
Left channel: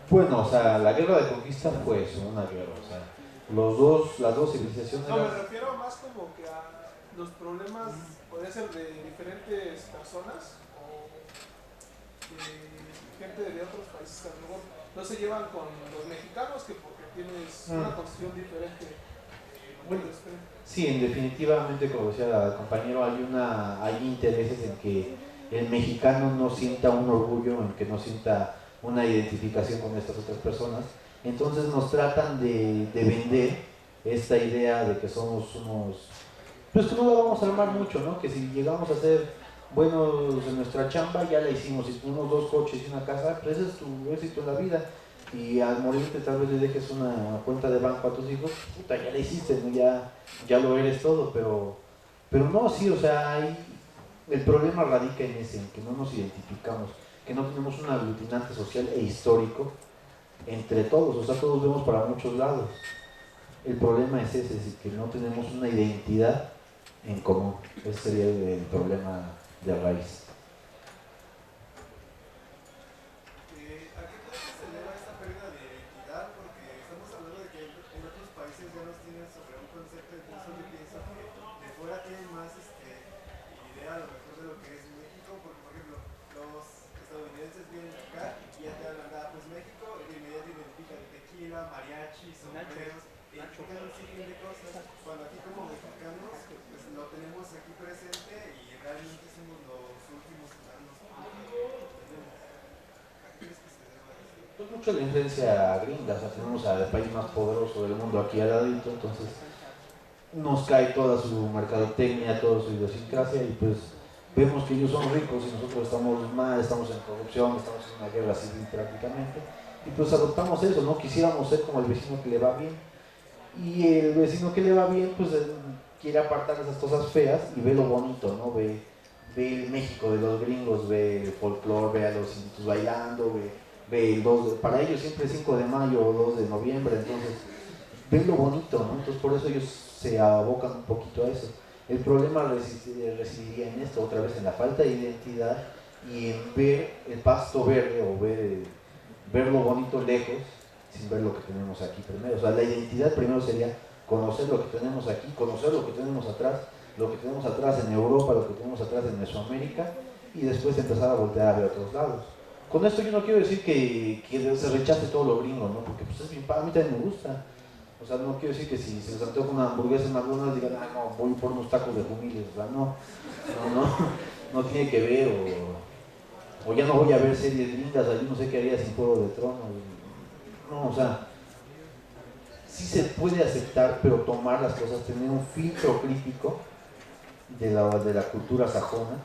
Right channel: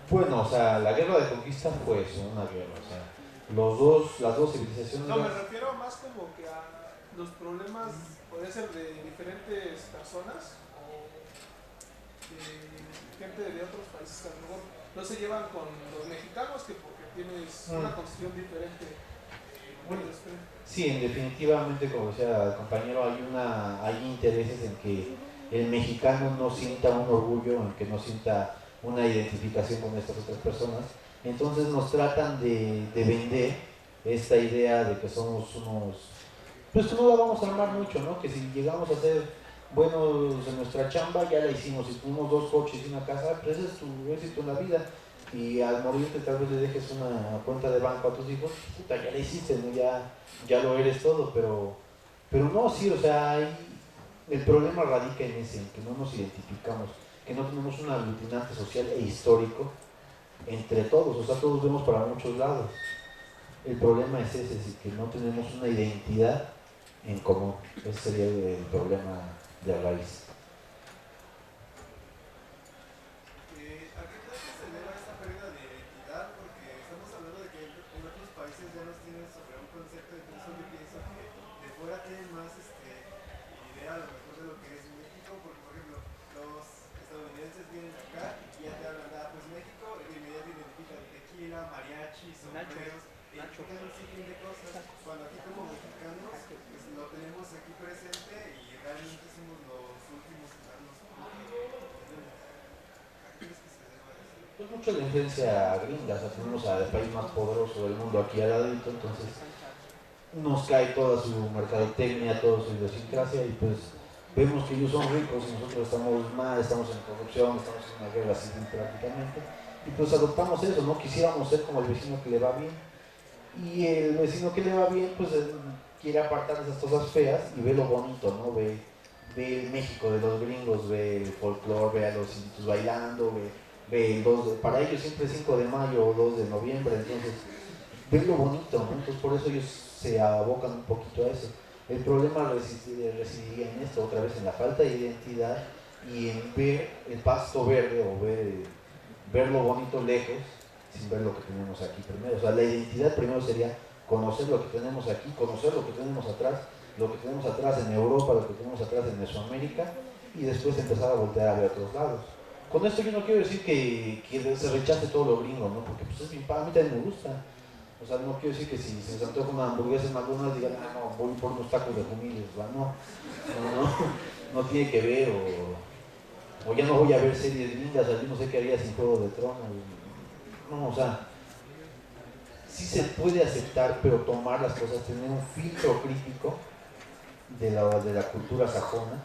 Bueno, o sea, la guerra de conquista fue eso, una guerra, o sea, las dos civilizaciones... No, me refiero más como que a los problemas, podría ser de diferentes personas o de gente de otros países que a lo mejor no se llevan con los mexicanos, que porque tienes una constitución diferente. Sí, definitivamente, como decía el compañero, hay intereses en que el mexicano no sienta un orgullo, en que no sienta una identificación con estas otras personas. Entonces nos tratan de vender esta idea de que somos unos... Pues que no la vamos a armar mucho, ¿no? Que si llegamos a ser buenos en nuestra chamba, ya la hicimos. Si tuvimos 2 coches y una casa, pues ese es tu éxito en la vida. Y al morirte tal vez le dejes una cuenta de banco a tus hijos, puta, ya la hiciste, ¿no? Ya lo eres todo, pero no, sí, o sea, el problema radica en ese, en que no nos identificamos, que no tenemos un aglutinante social e histórico entre todos, o sea, todos vemos para muchos lados. El problema es ese, es que no tenemos una identidad en común. Ese sería el problema de raíz. ¿A qué crees que se deba esta pérdida de identidad? Porque estamos hablando de que en otros países ya nos tienen sobre un concepto, entonces yo pienso que de fuera tienen más idea a lo mejor de lo que es México, porque por ejemplo los estadounidenses vienen acá y ya te hablan, pues México, y inmediatamente identifican tequila, mariachi, sombreros, identifican un sinfín de cosas, cuando aquí como mexicanos pues lo tenemos aquí presente y realmente somos los últimos mucho la influencia gringa, o sea, tenemos al país más poderoso del mundo aquí al ladito, entonces nos cae toda su mercadotecnia, toda su idiosincrasia y pues vemos que ellos son ricos y nosotros estamos mal, estamos en corrupción, estamos en una guerra civil prácticamente y pues adoptamos eso, no quisiéramos ser como el vecino que le va bien y el vecino que le va bien pues quiere apartar esas cosas feas y ve lo bonito, ¿no? Ve el México de los gringos, ve el folclore, ve a los inditos bailando, ve el 2 de, para ellos siempre es 5 de mayo o 2 de noviembre, entonces ven lo bonito, ¿no? Entonces por eso ellos se abocan un poquito a eso. El problema residiría en esto, otra vez en la falta de identidad y en ver el pasto verde o ver lo bonito lejos sin ver lo que tenemos aquí primero. O sea, la identidad primero sería conocer lo que tenemos aquí, conocer lo que tenemos atrás en Europa, lo que tenemos atrás en Mesoamérica y después empezar a voltear a ver otros lados. Con esto yo no quiero decir que se rechace todo lo gringo, ¿no? Porque pues es bien, a mí también me gusta. O sea, no quiero decir que si se antoja una hamburguesa en McDonald's digan, ah, no, voy por unos tacos de humildes, o sea, no tiene que ver, o ya no voy a ver series lindas, yo no sé qué haría sin Juego de Tronos. No, o sea, sí se puede aceptar, pero tomar las cosas, tener un filtro crítico de la cultura sajona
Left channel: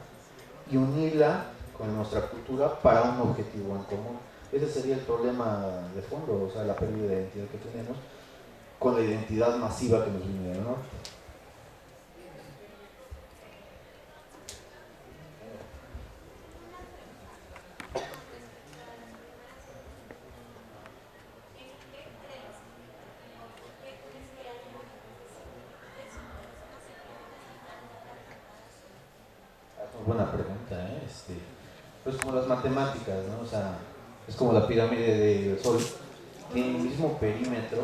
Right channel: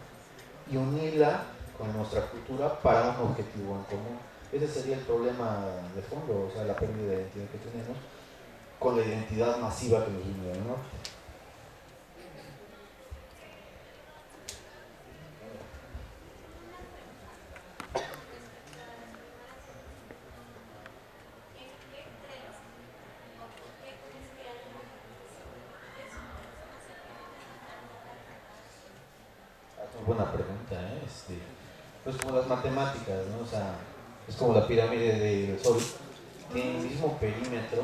y unirla con nuestra cultura para un objetivo en común. Ese sería el problema de fondo, o sea, la pérdida de identidad que tenemos con la identidad masiva que nos viene del norte. Es una buena pregunta, ¿eh? Pues como las matemáticas, ¿no? O sea, es como la pirámide del Sol, tiene el mismo perímetro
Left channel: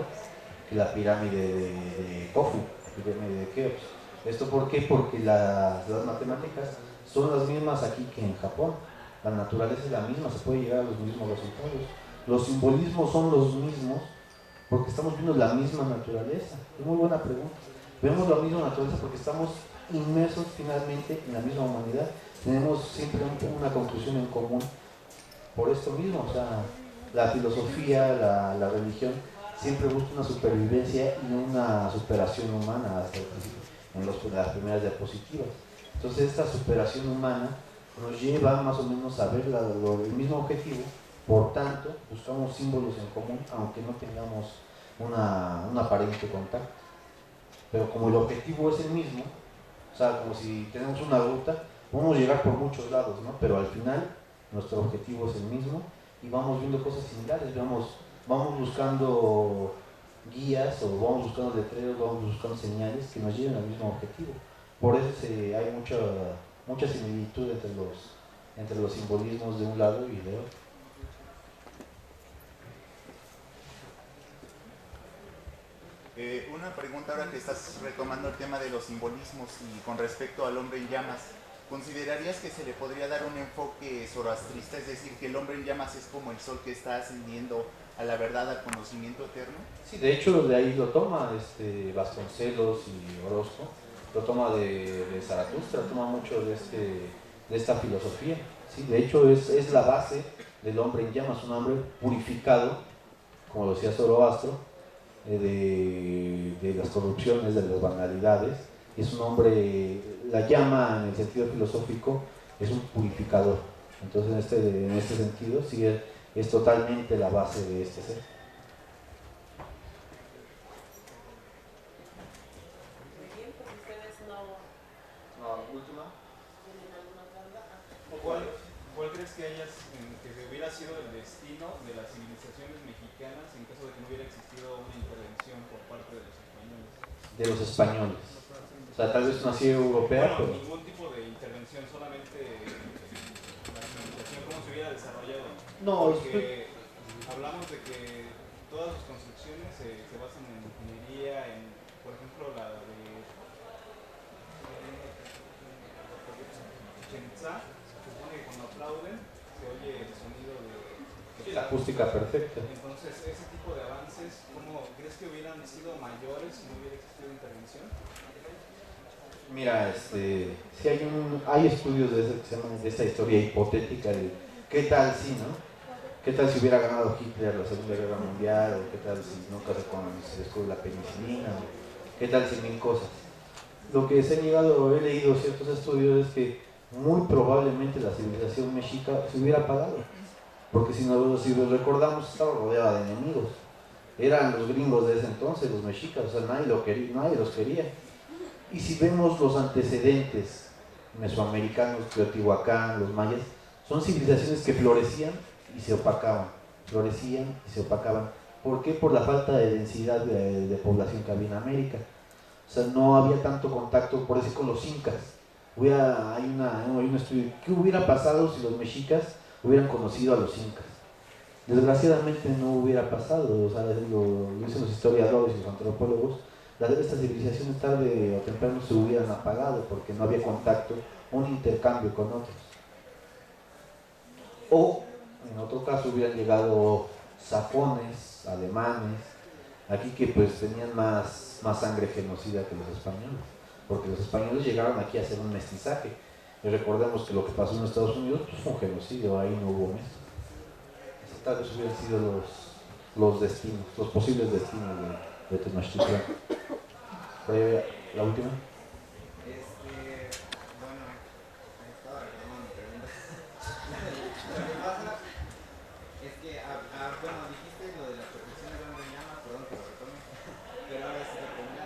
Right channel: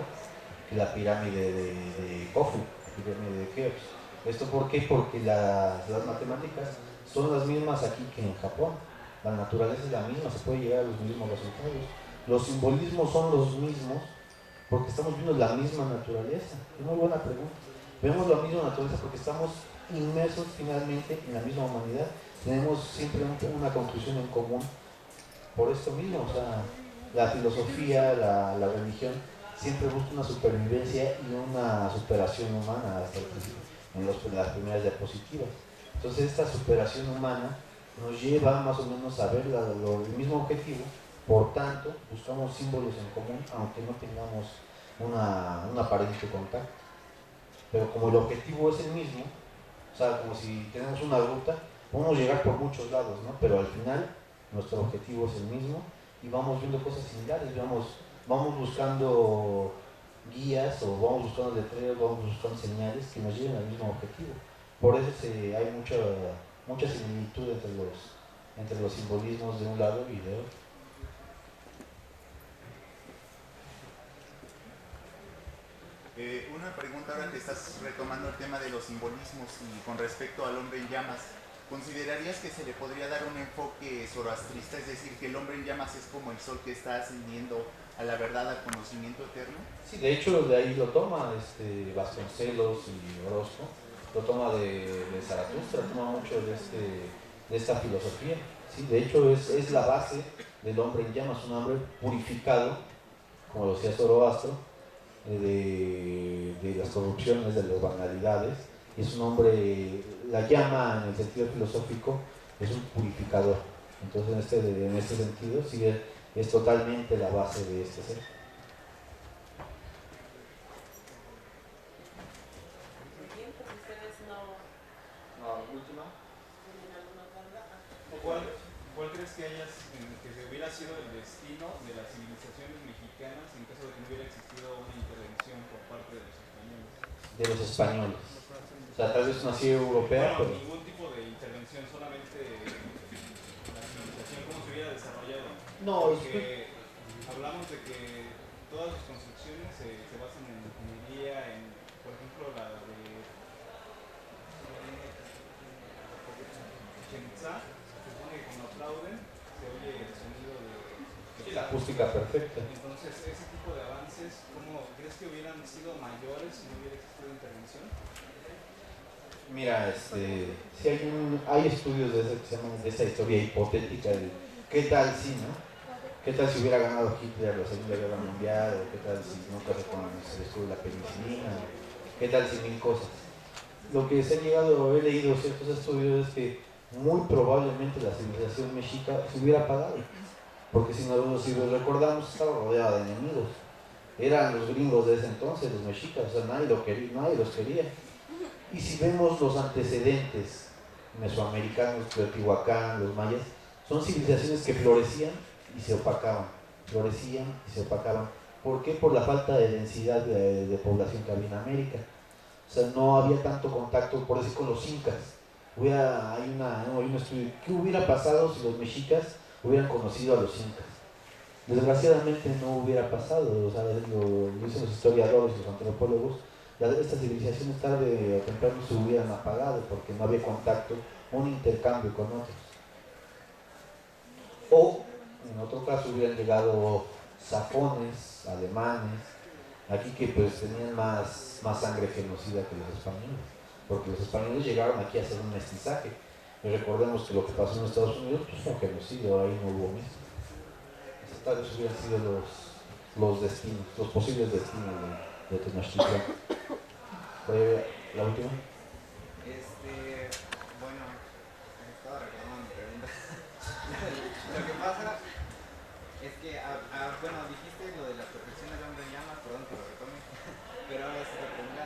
que la pirámide de Khufu, pirámide de Keops. ¿Esto por qué? Porque las matemáticas son las mismas aquí que en Japón. La naturaleza es la misma, se puede llegar a los mismos resultados. Los simbolismos son los mismos porque estamos viendo la misma naturaleza. Es muy buena pregunta. Vemos la misma naturaleza porque estamos inmersos finalmente en la misma humanidad. Tenemos siempre una conclusión en común por esto mismo. O sea, la filosofía, la religión siempre busca una supervivencia y una superación humana hasta el principio, en las primeras diapositivas. Entonces esta superación humana nos lleva más o menos a ver el mismo objetivo, por tanto buscamos símbolos en común aunque no tengamos un aparente contacto. Pero como el objetivo es el mismo, o sea, como si tenemos una ruta, podemos llegar por muchos lados, ¿no? Pero al final nuestro objetivo es el mismo y vamos viendo cosas similares, vamos buscando guías o vamos buscando letreros, vamos buscando señales que nos lleven al mismo objetivo. Por eso hay mucha similitud entre los simbolismos de un lado y de otro. Una pregunta ahora que estás retomando el tema de los simbolismos y con respecto al hombre en llamas. ¿Considerarías que se le podría dar un enfoque zoroastrista, es decir, que el hombre en llamas es como el sol que está ascendiendo a la verdad, al conocimiento eterno? Sí, de hecho de ahí lo toma Vasconcelos y Orozco, lo toma de Zaratustra, toma mucho de esta filosofía. Sí, de hecho es la base del hombre en llamas, un hombre purificado, como lo decía Zoroastro, de las corrupciones, de las banalidades. Es un hombre, la llama en el sentido filosófico es un purificador. Entonces en este sentido sí es totalmente la base de este ser. Muy bien, pues ustedes no Última. tienen alguna otra duda. ¿Cuál crees que hubiera sido el destino de las civilizaciones mexicanas en caso de que no hubiera existido una intervención por parte de los españoles? De los españoles. O sea, tal vez una ciudad europea, bueno, pero ningún tipo de intervención, solamente la civilización, cómo se hubiera desarrollado. no, Porque hablamos de que todas sus construcciones se basan en ingeniería, por ejemplo, la de Chichén Itzá, se supone que cuando aplauden se oye el sonido de la acústica perfecta. Entonces, ese tipo de avances, ¿cómo crees que hubieran sido mayores si no hubiera existido intervención? Mira, sí hay estudios de esta historia hipotética de qué tal si, ¿no? ¿Qué tal si hubiera ganado Hitler la Segunda Guerra Mundial? ¿O qué tal si nunca se descubrió la penicilina? ¿Qué tal si mil cosas? Lo que se ha llegado, he leído ciertos estudios es que muy probablemente la civilización mexica se hubiera apagado, porque si lo recordamos estaba rodeada de enemigos, eran los gringos de ese entonces, los mexicas, o sea, nadie los quería. Y si vemos los antecedentes mesoamericanos, Teotihuacán, los mayas, son civilizaciones que florecían y se opacaban, florecían y se opacaban. ¿Por qué? Por la falta de densidad de población que había en América. O sea, no había tanto contacto, por decir, con los incas. Hay un estudio, ¿qué hubiera pasado si los mexicas hubieran conocido a los incas? Desgraciadamente no hubiera pasado, o sea, lo dicen los historiadores y los antropólogos, estas civilizaciones tarde o temprano se hubieran apagado porque no había contacto, un intercambio con otros. O, en otro caso, hubieran llegado sajones, alemanes, aquí que pues tenían más sangre genocida que los españoles, porque los españoles llegaron aquí a hacer un mestizaje. Y recordemos que lo que pasó en Estados Unidos pues, fue un genocidio, ahí no hubo mestizaje. Tal vez hubieran sido los destinos, los posibles destinos de Tenochtitlán. ¿La última? Bueno, estaba recordando mi pregunta. Lo que pasa es que, bueno, dijiste lo de la protección del hombre en llamas, perdón que lo retome, pero ahora sí la pregunta.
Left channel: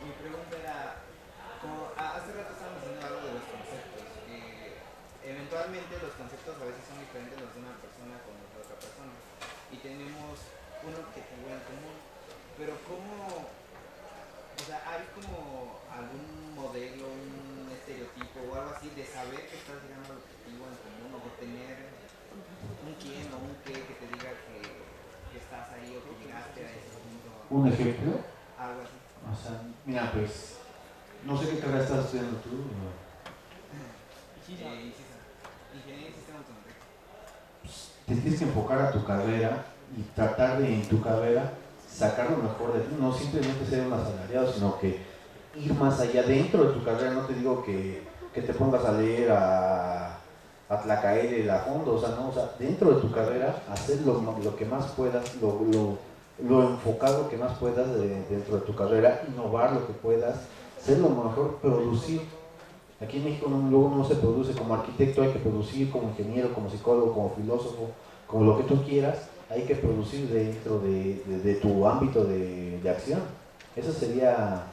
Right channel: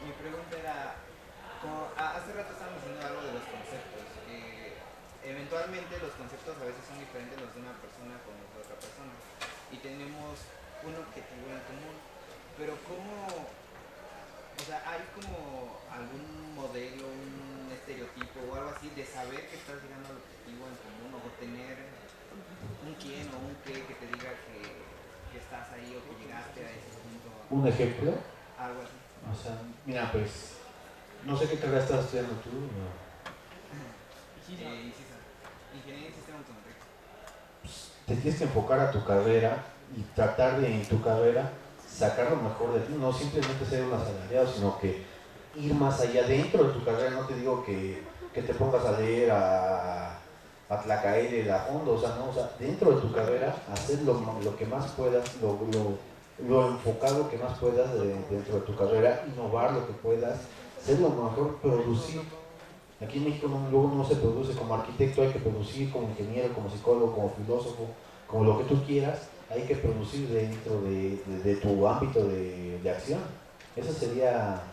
Mi pregunta era, hace rato estábamos diciendo algo de los conceptos, que eventualmente los conceptos a veces son diferentes los de una persona con los de otra persona, y tenemos un objetivo en común, pero ¿cómo? O sea, ¿hay como algún modelo, un estereotipo o algo así de saber que estás llegando al objetivo en común o tener un quién o un qué que te diga que estás ahí o que llegaste a ese punto? ¿Un ejemplo? Algo así. O sea, mira, pues, no sé qué carrera estás estudiando tú. Ingeniería en Sistema Automotriz. Pues, te tienes que enfocar a tu carrera y tratar de en tu carrera sacar lo mejor de ti, no simplemente ser un asalariado, sino que ir más allá dentro de tu carrera. No te digo que te pongas a leer a Tlacaele a fondo, o sea, no, o sea, dentro de tu carrera hacer lo que más puedas, lo enfocado que más puedas dentro de tu carrera, innovar lo que puedas, ser lo mejor, producir. Aquí en México luego no se produce como arquitecto, hay que producir como ingeniero, como psicólogo, como filósofo, como lo que tú quieras, hay que producir dentro de tu ámbito de acción. Eso sería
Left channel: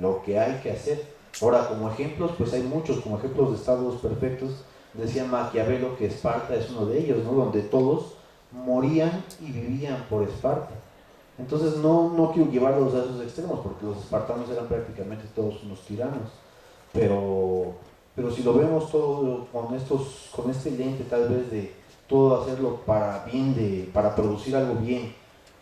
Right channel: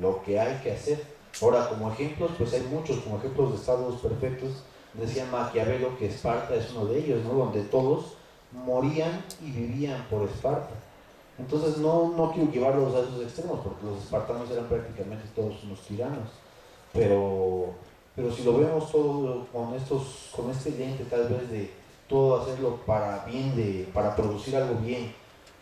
lo que hay que hacer. Ahora, como ejemplos, pues hay muchos, como ejemplos de estados perfectos. Decía Maquiavelo que Esparta es uno de ellos, ¿no? Donde todos morían y vivían por Esparta. Entonces no quiero llevarlos a esos extremos, porque los espartanos eran prácticamente todos unos tiranos. Pero si lo vemos todo con este lente tal vez de todo hacerlo para producir algo bien,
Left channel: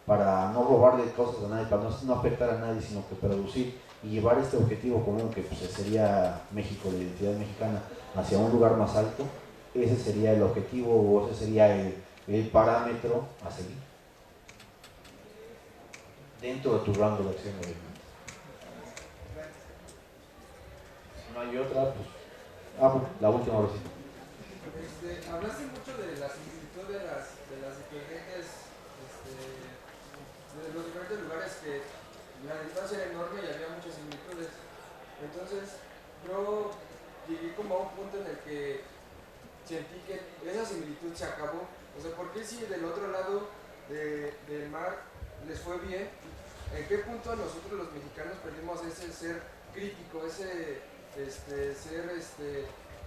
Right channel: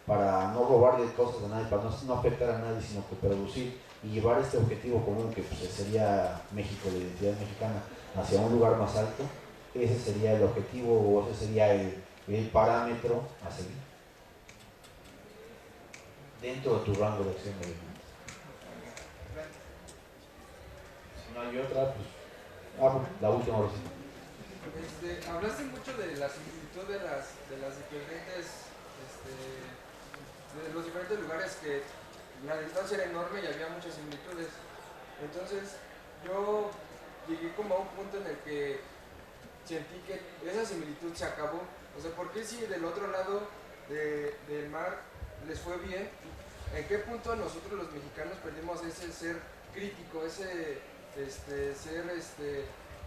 para no robarle cosas a nadie, para no afectar a nadie, sino que producir y llevar este objetivo común que pues, sería México, la identidad mexicana, hacia un lugar más alto, ese sería el objetivo o ese sería el parámetro a seguir dentro de tu rango de acción. Si no hay otra, pues la última vez. Hablaste mucho de la similitud de las diferentes de los diferentes lugares, que la distancia era enorme y había muchas similitudes. Entonces yo llegué como a un punto en el que sentí que esa similitud se acabó. O sea, ¿por qué si del otro lado del mar les fue bien? ¿En qué punto nosotros los mexicanos perdimos ese ser crítico, ese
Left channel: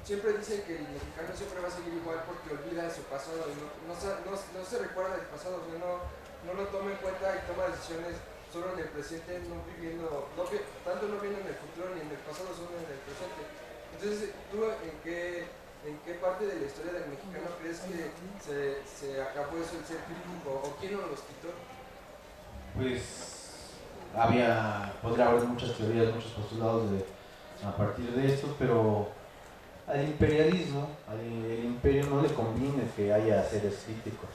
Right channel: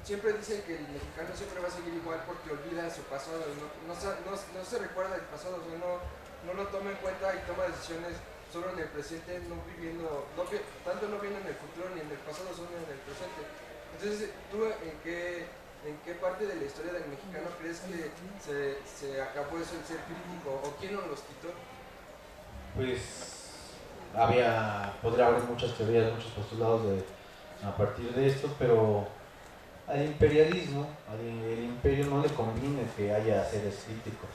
siempre dicen que el mexicano siempre va a seguir igual porque olvida su pasado y no se recuerda del pasado, o sea, no lo toma en cuenta y toma decisiones solo en el presente, tanto no viendo en el futuro ni en el pasado, solo en el presente. Entonces, ¿tú en qué parte de la historia del mexicano crees que se acabó eso, el ser crítico, o quién nos los quitó? Pues podría haber muchas teorías, muchos postulados a partir de esto, pero al imperialismo, el imperio no le conviene que haya seres críticos.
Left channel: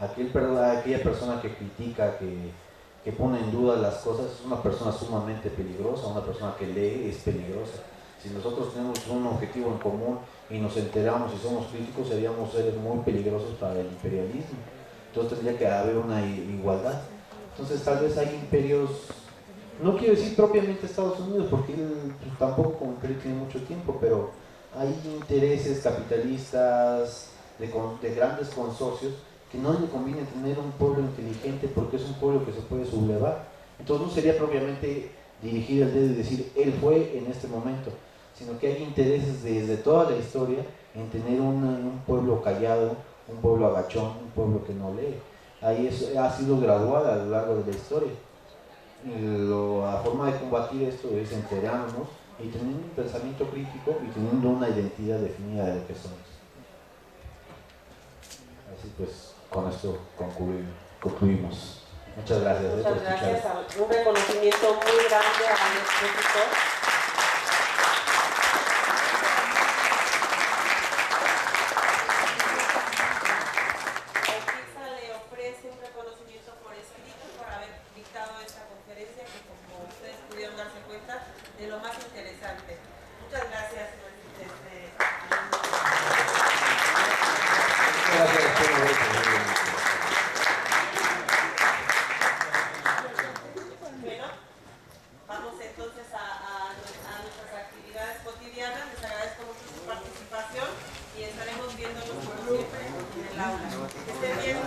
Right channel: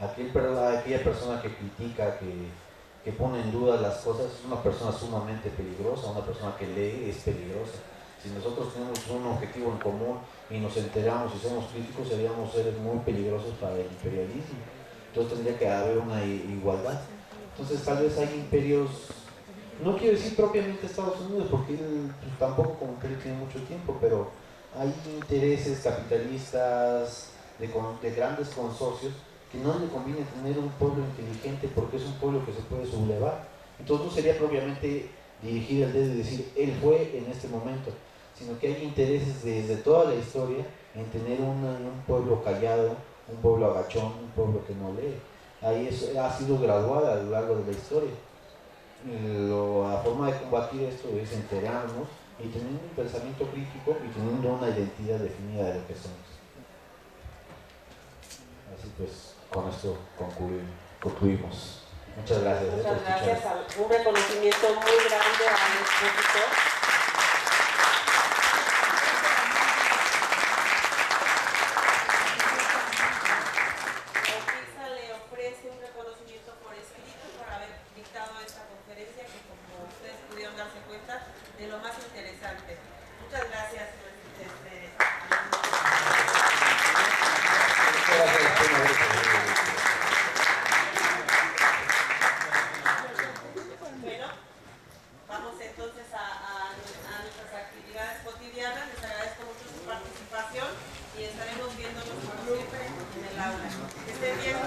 Aquella persona que critica, que pone en duda las cosas, es una persona sumamente peligrosa. Una persona que lee es peligrosa. Si nosotros tenemos un objetivo en común y nos enteramos y somos críticos, seríamos seres muy peligrosos para el imperialismo. Entonces tendría que haber una igualdad. Entonces tal vez hay imperios, no quiero decir propiamente Estados Unidos, porque él tampoco como que tiene mucho tiempo, pero hay intereses capitalistas de grandes consorcios que no le conviene tener un pueblo inteligente porque es un pueblo que se puede sublevar. Entonces no sería propiamente dirigir el dedo y decir él fue en este momento, sino que hay intereses desde toda la historia en tener un pueblo callado, un pueblo agachón, un pueblo que no lee. Ahí ha sido graduada a lo largo de la historia. La forma de combatir esto es enterarnos y teniendo un pensamiento crítico y teniendo una identidad definida de lo que somos. Así pues, con esto concluimos. Muchas gracias. Muchas gracias. Un reconocimiento muy grande a nuestro tutor. OFISA le ofrece un reconocimiento por escrito por haber dictado esta conferencia que, como ustedes pudieron darse cuenta, de lo más interesante. Muchas gracias. Bueno, vamos entonces a nuestras actividades cotidianas. Les agradezco mucho su participación y estaremos viéndonos como siempre en el aula. Que estén bien.